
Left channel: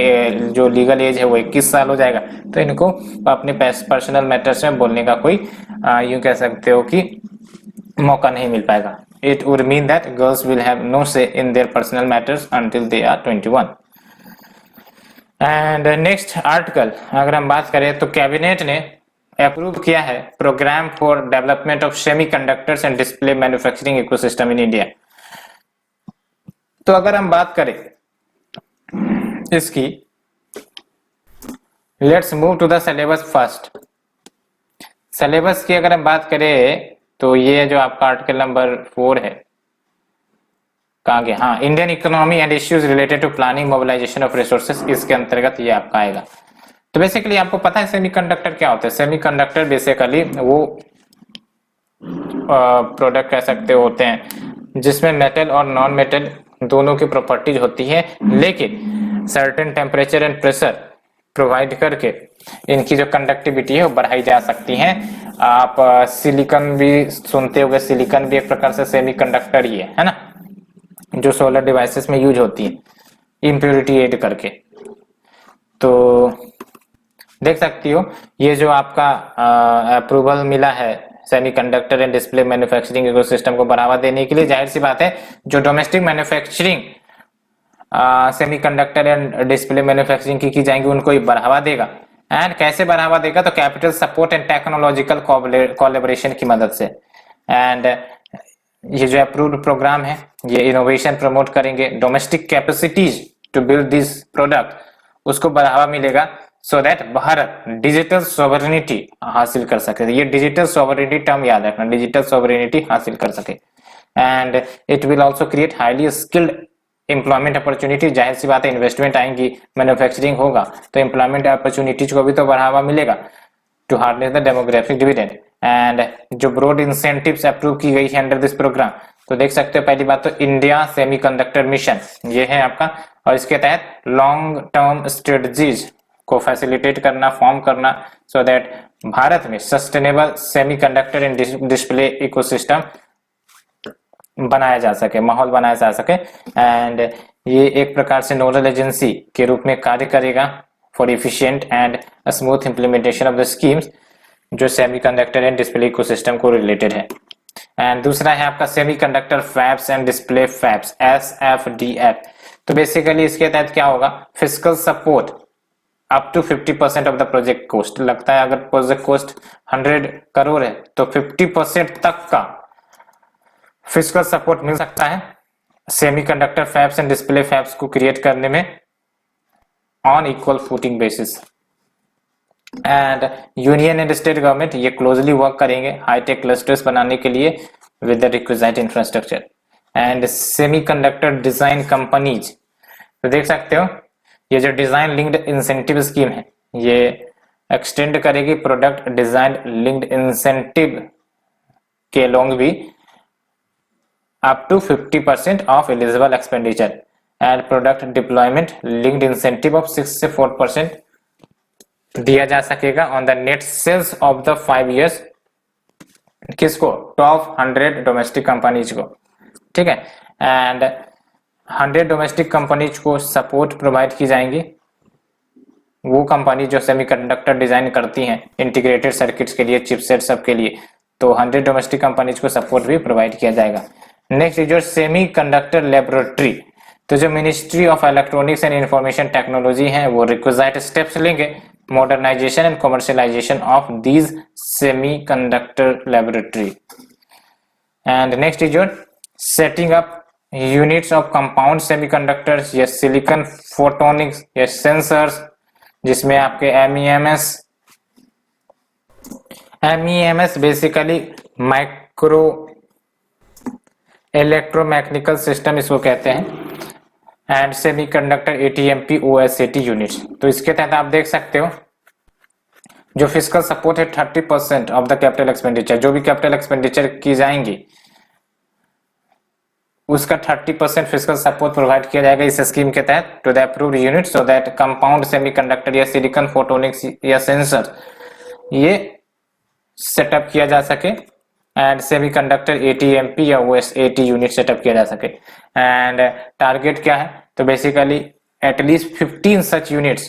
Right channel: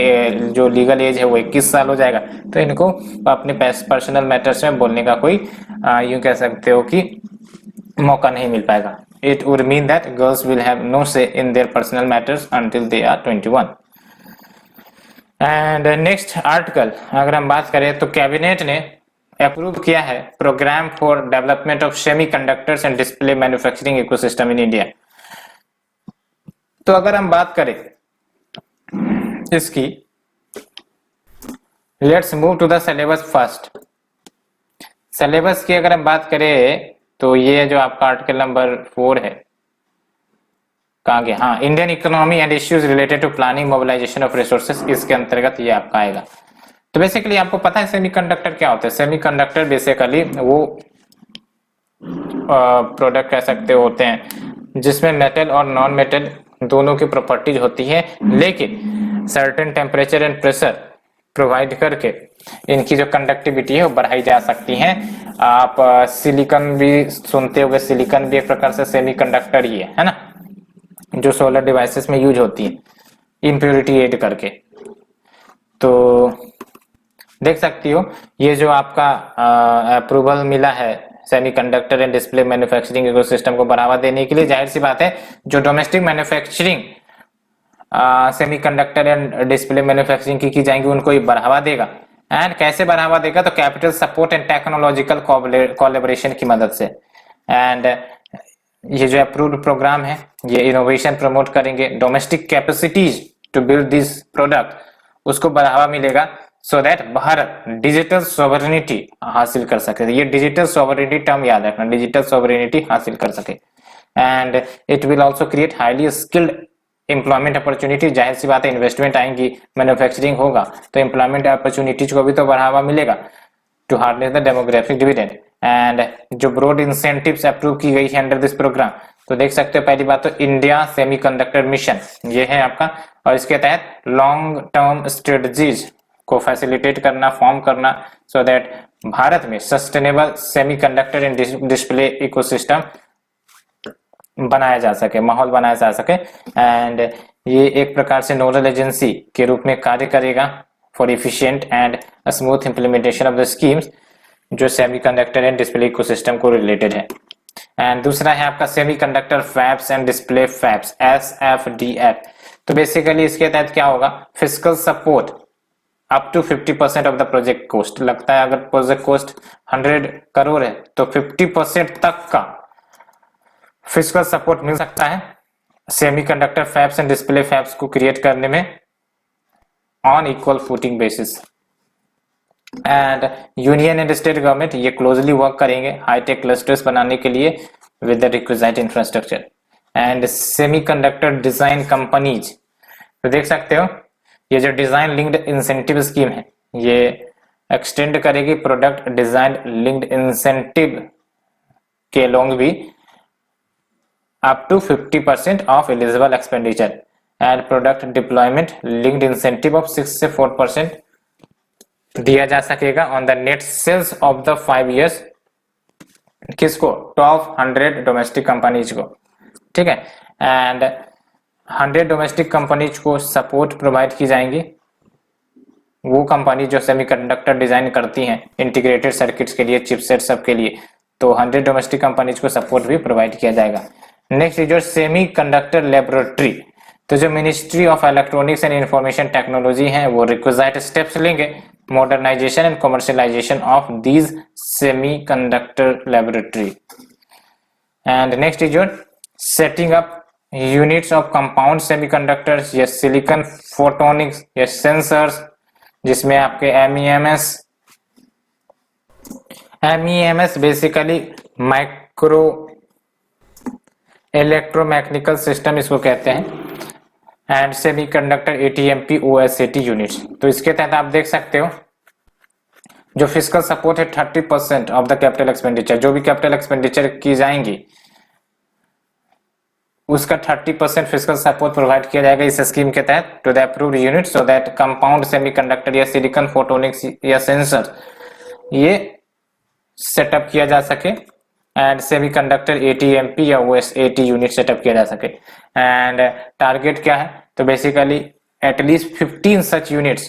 जो लीगल एज है वो 21 साल हो जाएगा, तो इनको अपने पर्सनल मैटर्स में बोलने का कोई यूं कह सकते हो कि मौका नहीं मिल पाएगा। It would mean that girls will have no say in their personal matters until they are 21। And next article अगर हम बात करें तो कैबिनेट ने अप्रूव किया है program for development of semiconductors and display manufacturing ecosystem in India. तो अगर हम बात करें इसकी, let's move to the syllabus first. Syllabus की अगर हम बात करें तो ये जो आपका आर्टिकल नंबर 4 है, कहाँ गया, हाँ, Indian economy and issues related to planning mobilisation of resources, इसके अंतर्गत ये आपका आएगा। तो बेसिकली आपको पता है सेमीकंडक्टर क्या होता है। सेमीकंडक्टर बेसिकली वो प्रोडक्ट कह सकते होते हैं जिसमें मेटल और नॉन मेटल दोनों की प्रॉपर्टीज होती है, लेकिन certain temperature and pressure provide करके इनकी जो कंडक्टिविटी है वो बढ़ाई जा सकती है। आप सिलिकॉन भी सुनते होंगे, सिलिकॉन भी एक प्रकार से सेमीकंडक्टर ही है ना, जो सोलर डिवाइसेस में यूज होती है इम्प्योरिटी ऐड करके। तो देख सकती हो ये जो आपका अप्रूवल मिला है semiconductor and display manufacturing ecosystem को बढ़ावा देने के लिए, जाहिर सी बात है जो domestic manufacturing semiconductor and display manufacturing की जाएंगी उनको ये बढ़ावा देगा। एंड कैसे बढ़ावा देगा, तो capital support and technological collaboration की मदद से। एंड ये जो अप्रूव्ड प्रोग्राम है ये इनोवेशन प्रमोट करेंगे, domestic capacities to build this product उसको बढ़ावा मिलेगा, so that Bharat digital sovereignty हासिल कर सके। ये डिजिटल सॉवरेनिटी टर्म याद रखना, डिजिटल सॉवरेनिटी हासिल कर सके। And it will also create highly skilled employment opportunity, जाहिर सी बात है इन्वेस्टमेंट आएंगी, मैन्युफैक्चरिंग होगा तो एम्प्लॉयमेंट अपॉर्चुनिटीज को भी तो बढ़ावा मिलेगा to harness the demographic dividend. And जो ब्रॉड इंसेंटिव्स अप्रूव की गई है अंडर दिस प्रोग्राम, तो देख सकते हो पहली बात तो इंडिया सेमीकंडक्टर मिशन ये है आपका, और इसके तहत लॉन्ग टर्म स्ट्रेटजीज को फैसिलिटेट करना, फॉर्म करना, सो दैट भारत में sustainable semiconductor and display ecosystem बनाया जा सके, माहौल बनाया जा सके। एंड ये एक प्रकार से नोडल एजेंसी के रूप में कार्य करेगा for efficient and smooth implementation of the schemes जो सेमीकंडक्टर एंड डिस्प्ले इकोसिस्टम को रिलेटेड है। एंड दूसरा है आपका semiconductor fabs and display fabs, SFDF। तो बेसिकली इसके तहत क्या होगा, physical support up to 50% of the project cost. लगता है अगर प्रोजेक्ट कॉस्ट 100 करोड़ है तो 50% तक का फिजिकल सपोर्ट मिल सकता है semiconductor fabs and display fabs को क्रिएट करने में on equal footing basis. And union and state government ये क्लोजली वर्क करेंगे हाईटेक क्लस्टर्स बनाने के लिए with the requisite infrastructure. And semiconductor design companies, तो देख सकते हो ये जो डिजाइन लिंक्ड इंसेंटिव स्कीम है ये एक्सटेंड करेगी प्रोडक्ट डिजाइन लिंक्ड इंसेंटिव के लॉन्ग भी up to 50% of eligible expenditure and product deployment linked incentive of 6 से 4% दिया जा सकेगा on the net sales of the 5 years। किसको, टॉप 100 डोमेस्टिक कंपनीज को, ठीक है। एंड 100 डोमेस्टिक कंपनीज को सपोर्ट प्रोवाइड की जाएंगी, वो कंपनी जो सेमीकंडक्टर डिजाइन करती हैं इंटीग्रेटेड सर्किट्स के लिए, चिपसेट सब के लिए, तो 100 डोमेस्टिक कंपनीज को सपोर्ट भी प्रोवाइड किया जाएगा। नेक्स्ट जो सेमी कंडक्टर लेबोरेटरी, तो जो ministry of electronics and information technology है वो रिक्विजिट स्टेप्स लेंगे modernisation and commercialisation of these semi conductor laboratory. And next is your setting up units of compound semiconductors या silicon photonics या sensors, जिसमें आपके MEMS basically micro electromechanical system इसको कहते हैं। And semiconductor ATMP OSAT units, तो इसके तहत आप देख सकते हो जो फिजिकल सपोर्ट है 30% ऑफ द कैपिटल एक्सपेंडिचर, जो भी कैपिटल एक्सपेंडिचर की जाएंगी उसका 30% फिजिकल सपोर्ट प्रोवाइड किया जाएगा इस स्कीम के तहत to the approved unit, so that compound semiconductor या सिलिकॉन फोटोनिक्स या सेंसर ये सेटअप किया जा सके एंड सेमीकंडक्टर ATMP या OSAT यूनिट सेटअप किया जा सके। एंड टारगेट क्या है, तो basically at least 15 such units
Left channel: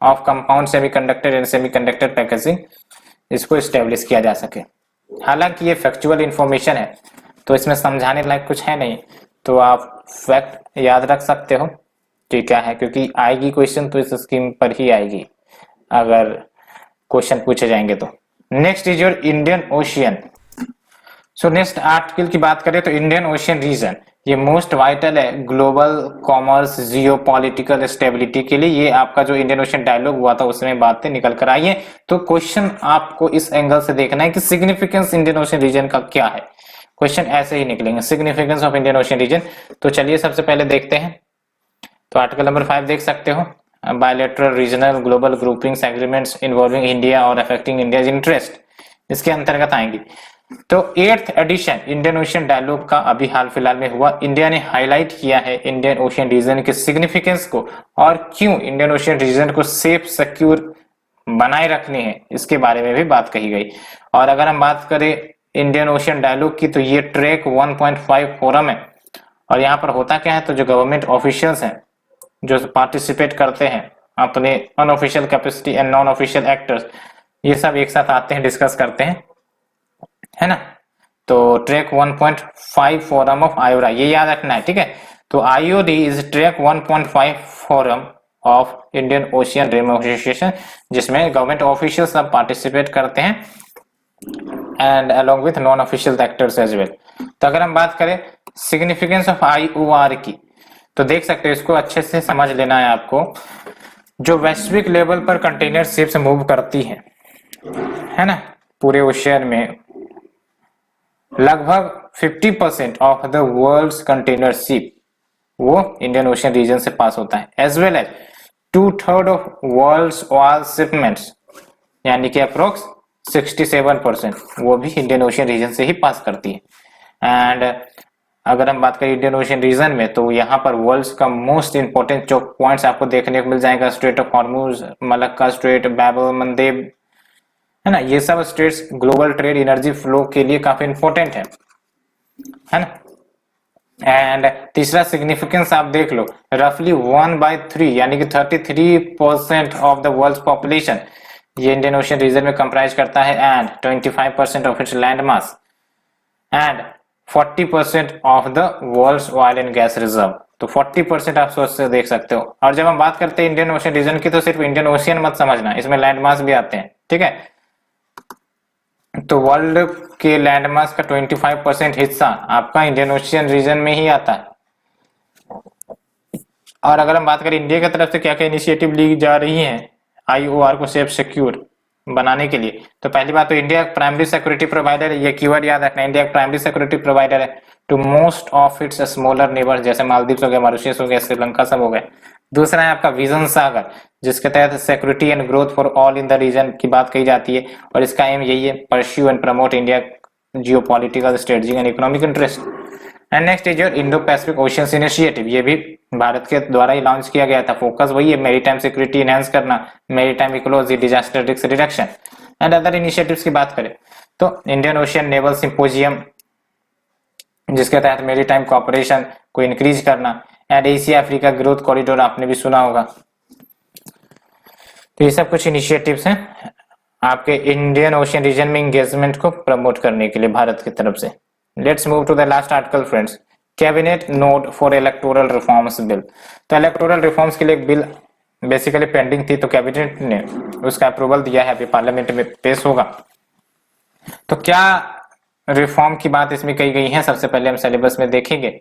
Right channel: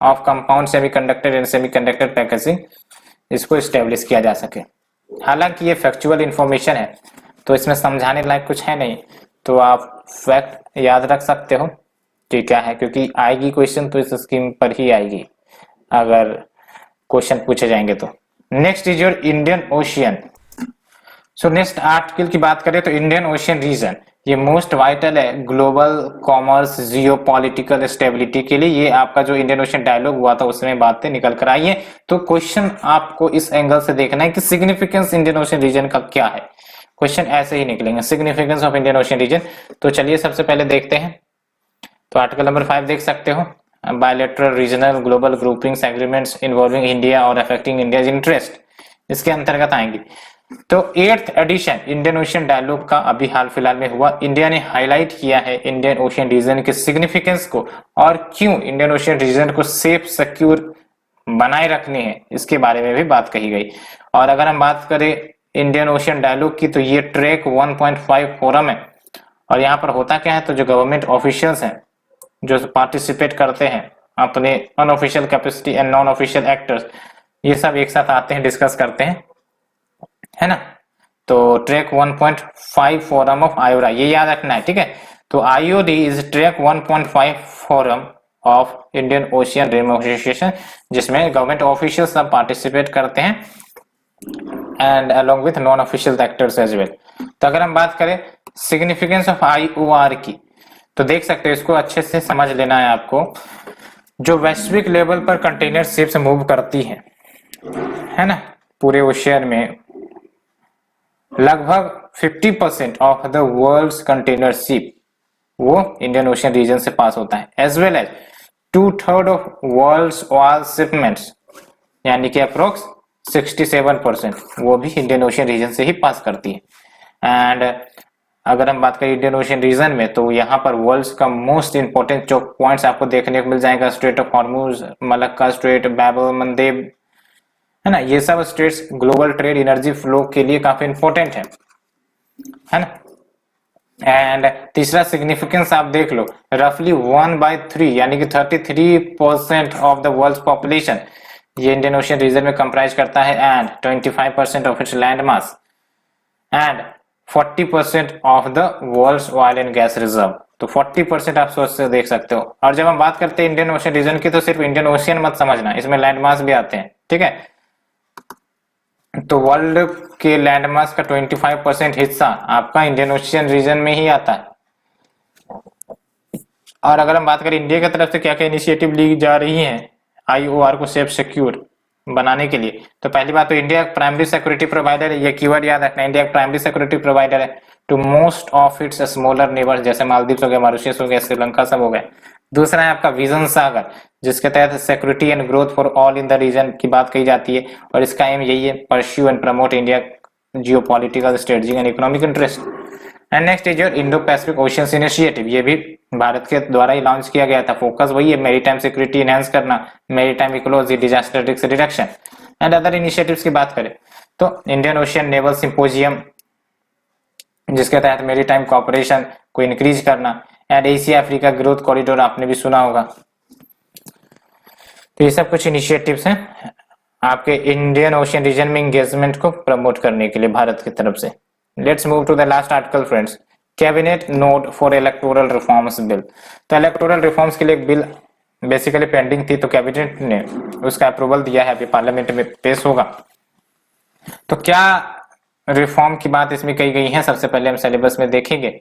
of compound semiconductor and semiconductor packaging इसको एस्टेब्लिश किया जा सके। हालांकि ये फैक्चुअल इंफॉर्मेशन है तो इसमें समझाने लायक कुछ है नहीं, तो आप फैक्ट याद रख सकते हो कि क्या है, क्योंकि आएगी क्वेश्चन तो इस स्कीम पर ही आएगी अगर क्वेश्चन पूछे जाएंगे तो। Next is your Indian ocean. So next article की बात करें तो इंडियन ओशियन रीजन ये मोस्ट वाइटल है ग्लोबल कॉमर्स जियोपॉलिटिकल स्टेबिलिटी के लिए। ये आपका जो इंडियन ओशियन डायलॉग हुआ था उसमें बातें निकल कर आई है, तो क्वेश्चन आपको इस एंगल से देखना है कि सिग्निफिकेंस इंडियन ओशियन रीजन का क्या है। क्वेश्चन ऐसे ही निकलेंगे, significance of Indian ocean region. तो चलिए सबसे पहले देखते हैं, तो आर्टिकल नंबर 5 देख सकते हो, bilateral regional global groupings agreements involving India और अफेक्टिंग इंडियाज इंटरेस्ट इसके अंतर्गत आएंगी। तो 8th addition Indian ocean dialogue का अभी हाल फिलहाल में हुआ। इंडिया ने हाईलाइट किया है इंडियन ओशियन रीजन के सिग्निफिकेंस को और क्यों इंडियन ओशियन रीजन को सेफ सिक्योर बनाए रखने हैं इसके बारे में भी बात कही गई। और अगर हम बात करें इंडियन ओशियन डायलॉग की, तो ये ट्रैक 1.5 फोरम है और यहाँ पर होता क्या है, तो जो गवर्नमेंट ऑफिशियल्स हैं जो पार्टिसिपेट करते हैं अपने unofficial capacity and non official actors, ये सब एक साथ आते हैं, डिस्कस करते हैं, है ना। तो ट्रैक 1.5 फोरम ऑफ आयोडा ये याद रखना है, ठीक है। तो IOD is track 1.5 forum of Indian ocean dream association, जिसमें गवर्नमेंट ऑफिशियल सब पार्टिसिपेट करते हैं and along with non official actors as well. तो अगर हम बात करें सिग्निफिकेंस ऑफ IOR की, तो देख सकते हैं, इसको अच्छे से समझ लेना है आपको। जो वैश्विक लेवल पर कंटेनर शिप्स मूव करती है ना, पूरे ओशियन में लगभग 50% of the world's container ship वो इंडियन ओशियन रीजन से पास होता है, as well as 2/3 of world's oil shipments यानी कि अप्रोक्स 67% वो भी इंडियन ओशियन रीजन से ही पास करती है। एंड अगर हम बात करें इंडियन ओशियन रीजन में, तो यहाँ पर वर्ल्ड का मोस्ट इंपोर्टेंट चोक पॉइंट्स आपको देखने को मिल जाएगा, strait of Hormuz, Malacca strait, Bab al Mandeb, है ना। ये सब straits global trade energy flow के लिए काफी इंपॉर्टेंट है ना। एंड तीसरा सिग्निफिकेंस आप देख लो, रफली 1/3 यानी कि 33% ऑफ द वर्ल्ड पॉपुलेशन ये इंडियन ओशियन रीजन में कंप्राइज करता है, and 25% of its land mass and 40% of the world's oil and gas reserve. तो 40% आप सोच से देख सकते हो। और जब हम बात करते हैं इंडियन ओशियन रीजन की, तो सिर्फ इंडियन ओशियन मत समझना, इसमें लैंड मास भी आते हैं, ठीक है। तो वर्ल्ड के लैंड मास का 25% हिस्सा आपका इंडियन ओशियन रीजन में ही आता है। और अगर हम बात करें इंडिया की तरफ से क्या क्या इनिशिएटिव ली जा रही हैं आईओआर को सेफ सिक्योर बनाने के लिए, तो पहली बात तो इंडिया प्राइमरी सिक्योरिटी प्रोवाइडर है, ये कीवर्ड याद रखना, इंडिया प्राइमरी सिक्योरिटी प्रोवाइडर है to most of its smaller neighbour, जैसे मालदीव हो गया, मॉरिशस हो गया, श्रीलंका सब हो गए। दूसरा है आपका विजन सागर, जिसके तहत security and growth for all in the region की बात कही जाती है, और इसका एम यही है, pursue and promote India geopolitical strategy and economic interest. And next is your Indo Pacific oceans initiative, ये भी भारत के द्वारा ही लॉन्च किया गया था। फोकस वही है, मैरीटाइम सिक्योरिटी एनहांस करना, maritime ecology, disaster risk reduction and other initiatives की बात करें तो इंडियन ओशियन नेवल सिंपोजियम, जिसके तहत मैरीटाइम कोऑपरेशन को इंक्रीज करना, and Asia Africa growth corridor आपने भी सुना होगा। तो ये सब कुछ इनिशिएटिव्स हैं आपके इंडियन ओशियन रीजन में एंगेजमेंट को प्रमोट करने के लिए भारत की तरफ से। Let's move to the last article friends, cabinet note for electoral reforms bill. तो इलेक्टोरल रिफॉर्म्स के लिए एक बिल बेसिकली पेंडिंग थी, तो कैबिनेट ने उसका अप्रूवल दिया है, अभी पार्लियामेंट में पेश होगा। तो क्या रिफॉर्म की बात इसमें कही गई है, सबसे पहले हम सिलेबस में देखेंगे।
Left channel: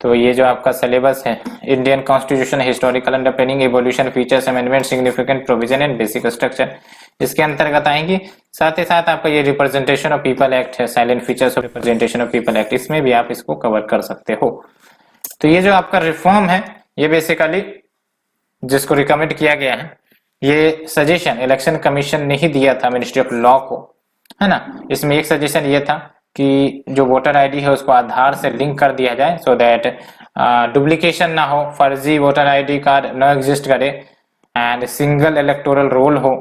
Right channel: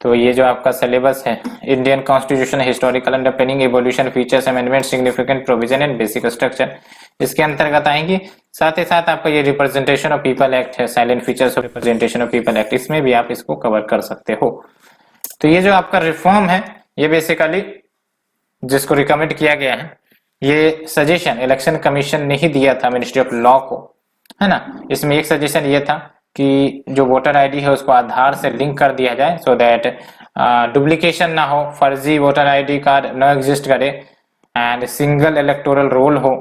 तो ये जो आपका सिलेबस है, Indian constitution, historical underpinning, evolution, features, amendment, significant provision and basic structure, इसके अंतर्गत आएंगी। साथ ही साथ आपका ये रिप्रेजेंटेशन ऑफ पीपल एक्ट है, salient features of representation of people act, इसमें भी आप इसको कवर कर सकते हो। तो ये जो आपका रिफॉर्म है, ये बेसिकली जिसको रिकमेंड किया गया है, ये सजेशन इलेक्शन कमीशन ने ही दिया था मिनिस्ट्री ऑफ लॉ को, है ना। इसमें एक सजेशन ये था कि जो वोटर आईडी है उसको आधार से लिंक कर दिया जाए, सो दैट डुप्लीकेशन ना हो, फर्जी वोटर आईडी कार्ड ना एग्जिस्ट करे, एंड सिंगल इलेक्टोरल रोल हो,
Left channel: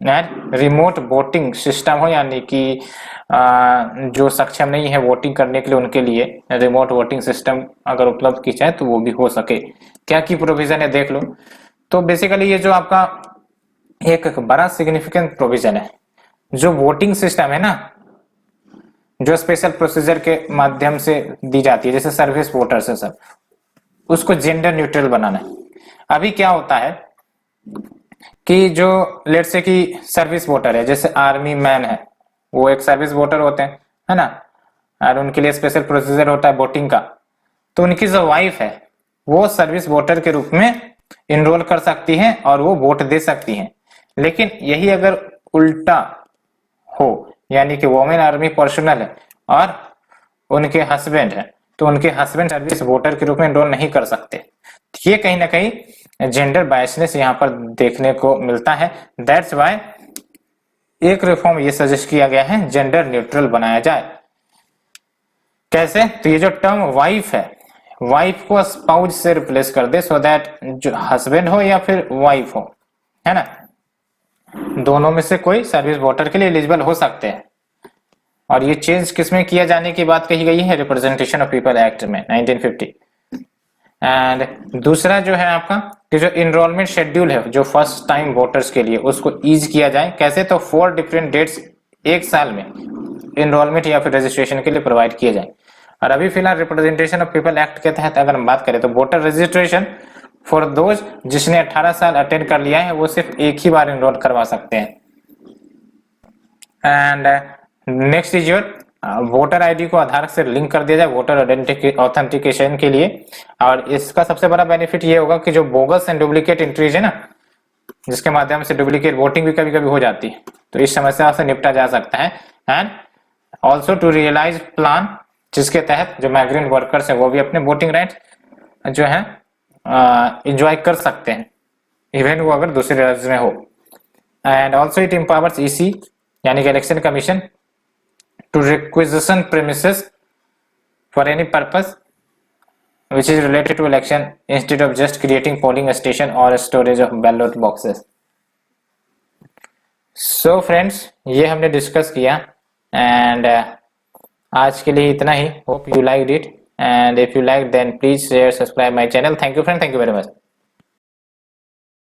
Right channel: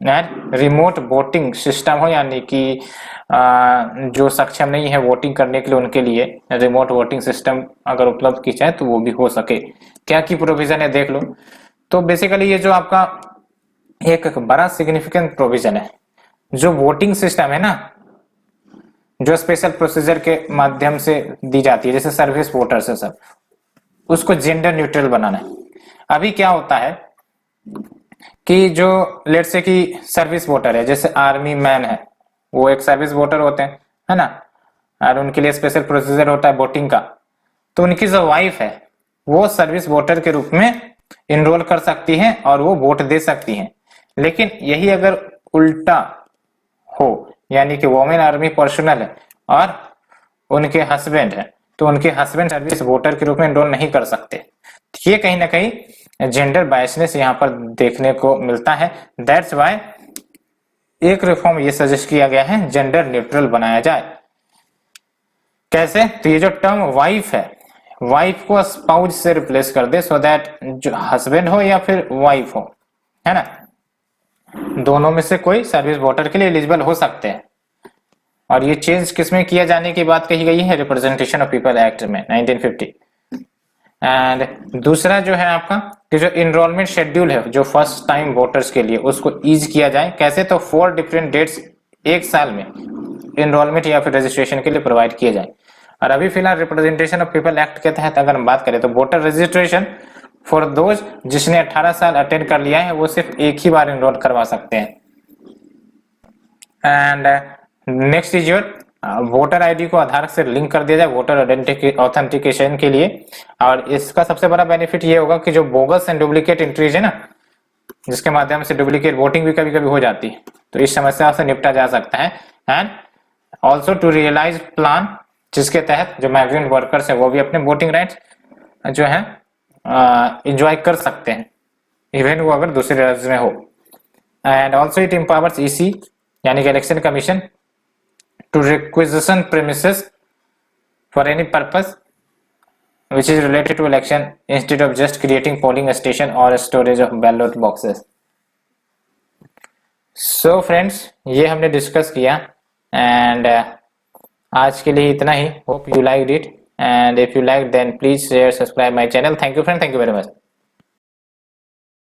रिमोट वोटिंग सिस्टम हो, यानी कि जो सक्षम नहीं है वोटिंग करने के लिए उनके लिए रिमोट वोटिंग सिस्टम अगर उपलब्ध की जाए तो वो भी हो सके। क्या की प्रोविजन है देख लो। तो बेसिकली ये जो आपका एक बड़ा सिग्निफिकेंट प्रोविजन है, जो वोटिंग सिस्टम है ना, जो स्पेशल प्रोसीजर के माध्यम से दी जाती है, जैसे सर्विस वोटर्स है सब, उसको जेंडर न्यूट्रल बनाना है। अभी क्या होता है कि जो लेट्स से कि सर्विस वोटर है, जैसे आर्मी मैन है, वो एक सर्विस वोटर होते हैं, है ना, और उनके लिए स्पेशल प्रोसीजर होता है वोटिंग का। तो उनकी जो वाइफ है वो सर्विस वोटर के रूप में इनरोल कर सकती हैं और वो वोट दे सकती हैं। लेकिन यही अगर उल्टा हो, यानी कि वोमेन आर्मी पर्सनल है और उनके हस्बैंड है, तो उनके हस्बैंड सर्विस वोटर के रूप में एनरोल नहीं कर सकते। ये कहीं ना कहीं जेंडर बायसनेस यहाँ पर देखने को मिलता है। दैट्स व्हाई एक रिफॉर्म ये सजेस्ट किया गया है, जेंडर न्यूट्रल बनाया जाए। कैसे? तो ये जो टर्म वाइफ है, वाइफ को स्पाउज से रिप्लेस कर दे, सो दैट जो हस्बैंड हो या फिर वाइफ हो, है ना, दोनों में से कोई सर्विस वोटर के लिए एलिजिबल हो सकते हैं। और ये चेंज किसमें किया जाने की बात कही गई है, रिप्रेजेंटेशन ऑफ पीपल एक्ट में 1950। एंड दूसरा जो है आपका जो एनरोलमेंट शेड्यूल है जो फर्स्ट टाइम वोटर्स के लिए, उसको ईज किया जाए। कैसे? तो 4 डिफरेंट डेट्स एक साल में एनरोलमेंट या फिर रजिस्ट्रेशन के लिए प्रोवाइड किए जाए। और अभी फिलहाल रिप्रेजेंटेशन ऑफ पीपल एक्ट के तहत अगर हम बात करें तो वोटर रजिस्ट्रेशन फॉर दोज जिसने 18 साल अटेंड कर लिया है वो सिर्फ एक ही बार एनरोल करवा सकते हैं। And next is your voter ID को आधार से लिंक कर दिया जाए वोटर ऑथेंटिकेशन के लिए। और इसका सबसे बड़ा बेनिफिट ये होगा कि जो बोगस एंड डुप्लीकेट एंट्रीज है ना, जिसके माध्यम से डुप्लीकेट वोटिंग भी कभी कभी हो जाती है, तो इस समस्या से निपटा जा सकता है। And also to realise plan, जिसके तहत जो माइग्रेंट वर्कर्स है वो भी अपने वोटिंग राइट जो है एंजॉय कर सकते हैं, इवन वो अगर दूसरे राज्य में हो। And also it empowers EC यानी कि election commission to requisition premises for any purpose which is related to election instead of just creating polling station or storage of ballot boxes. So friends, ये हमने discuss किया and आज के लिए इतना ही. Hope you liked it, and if you liked then please share, subscribe my channel. Thank you friend, thank you very much.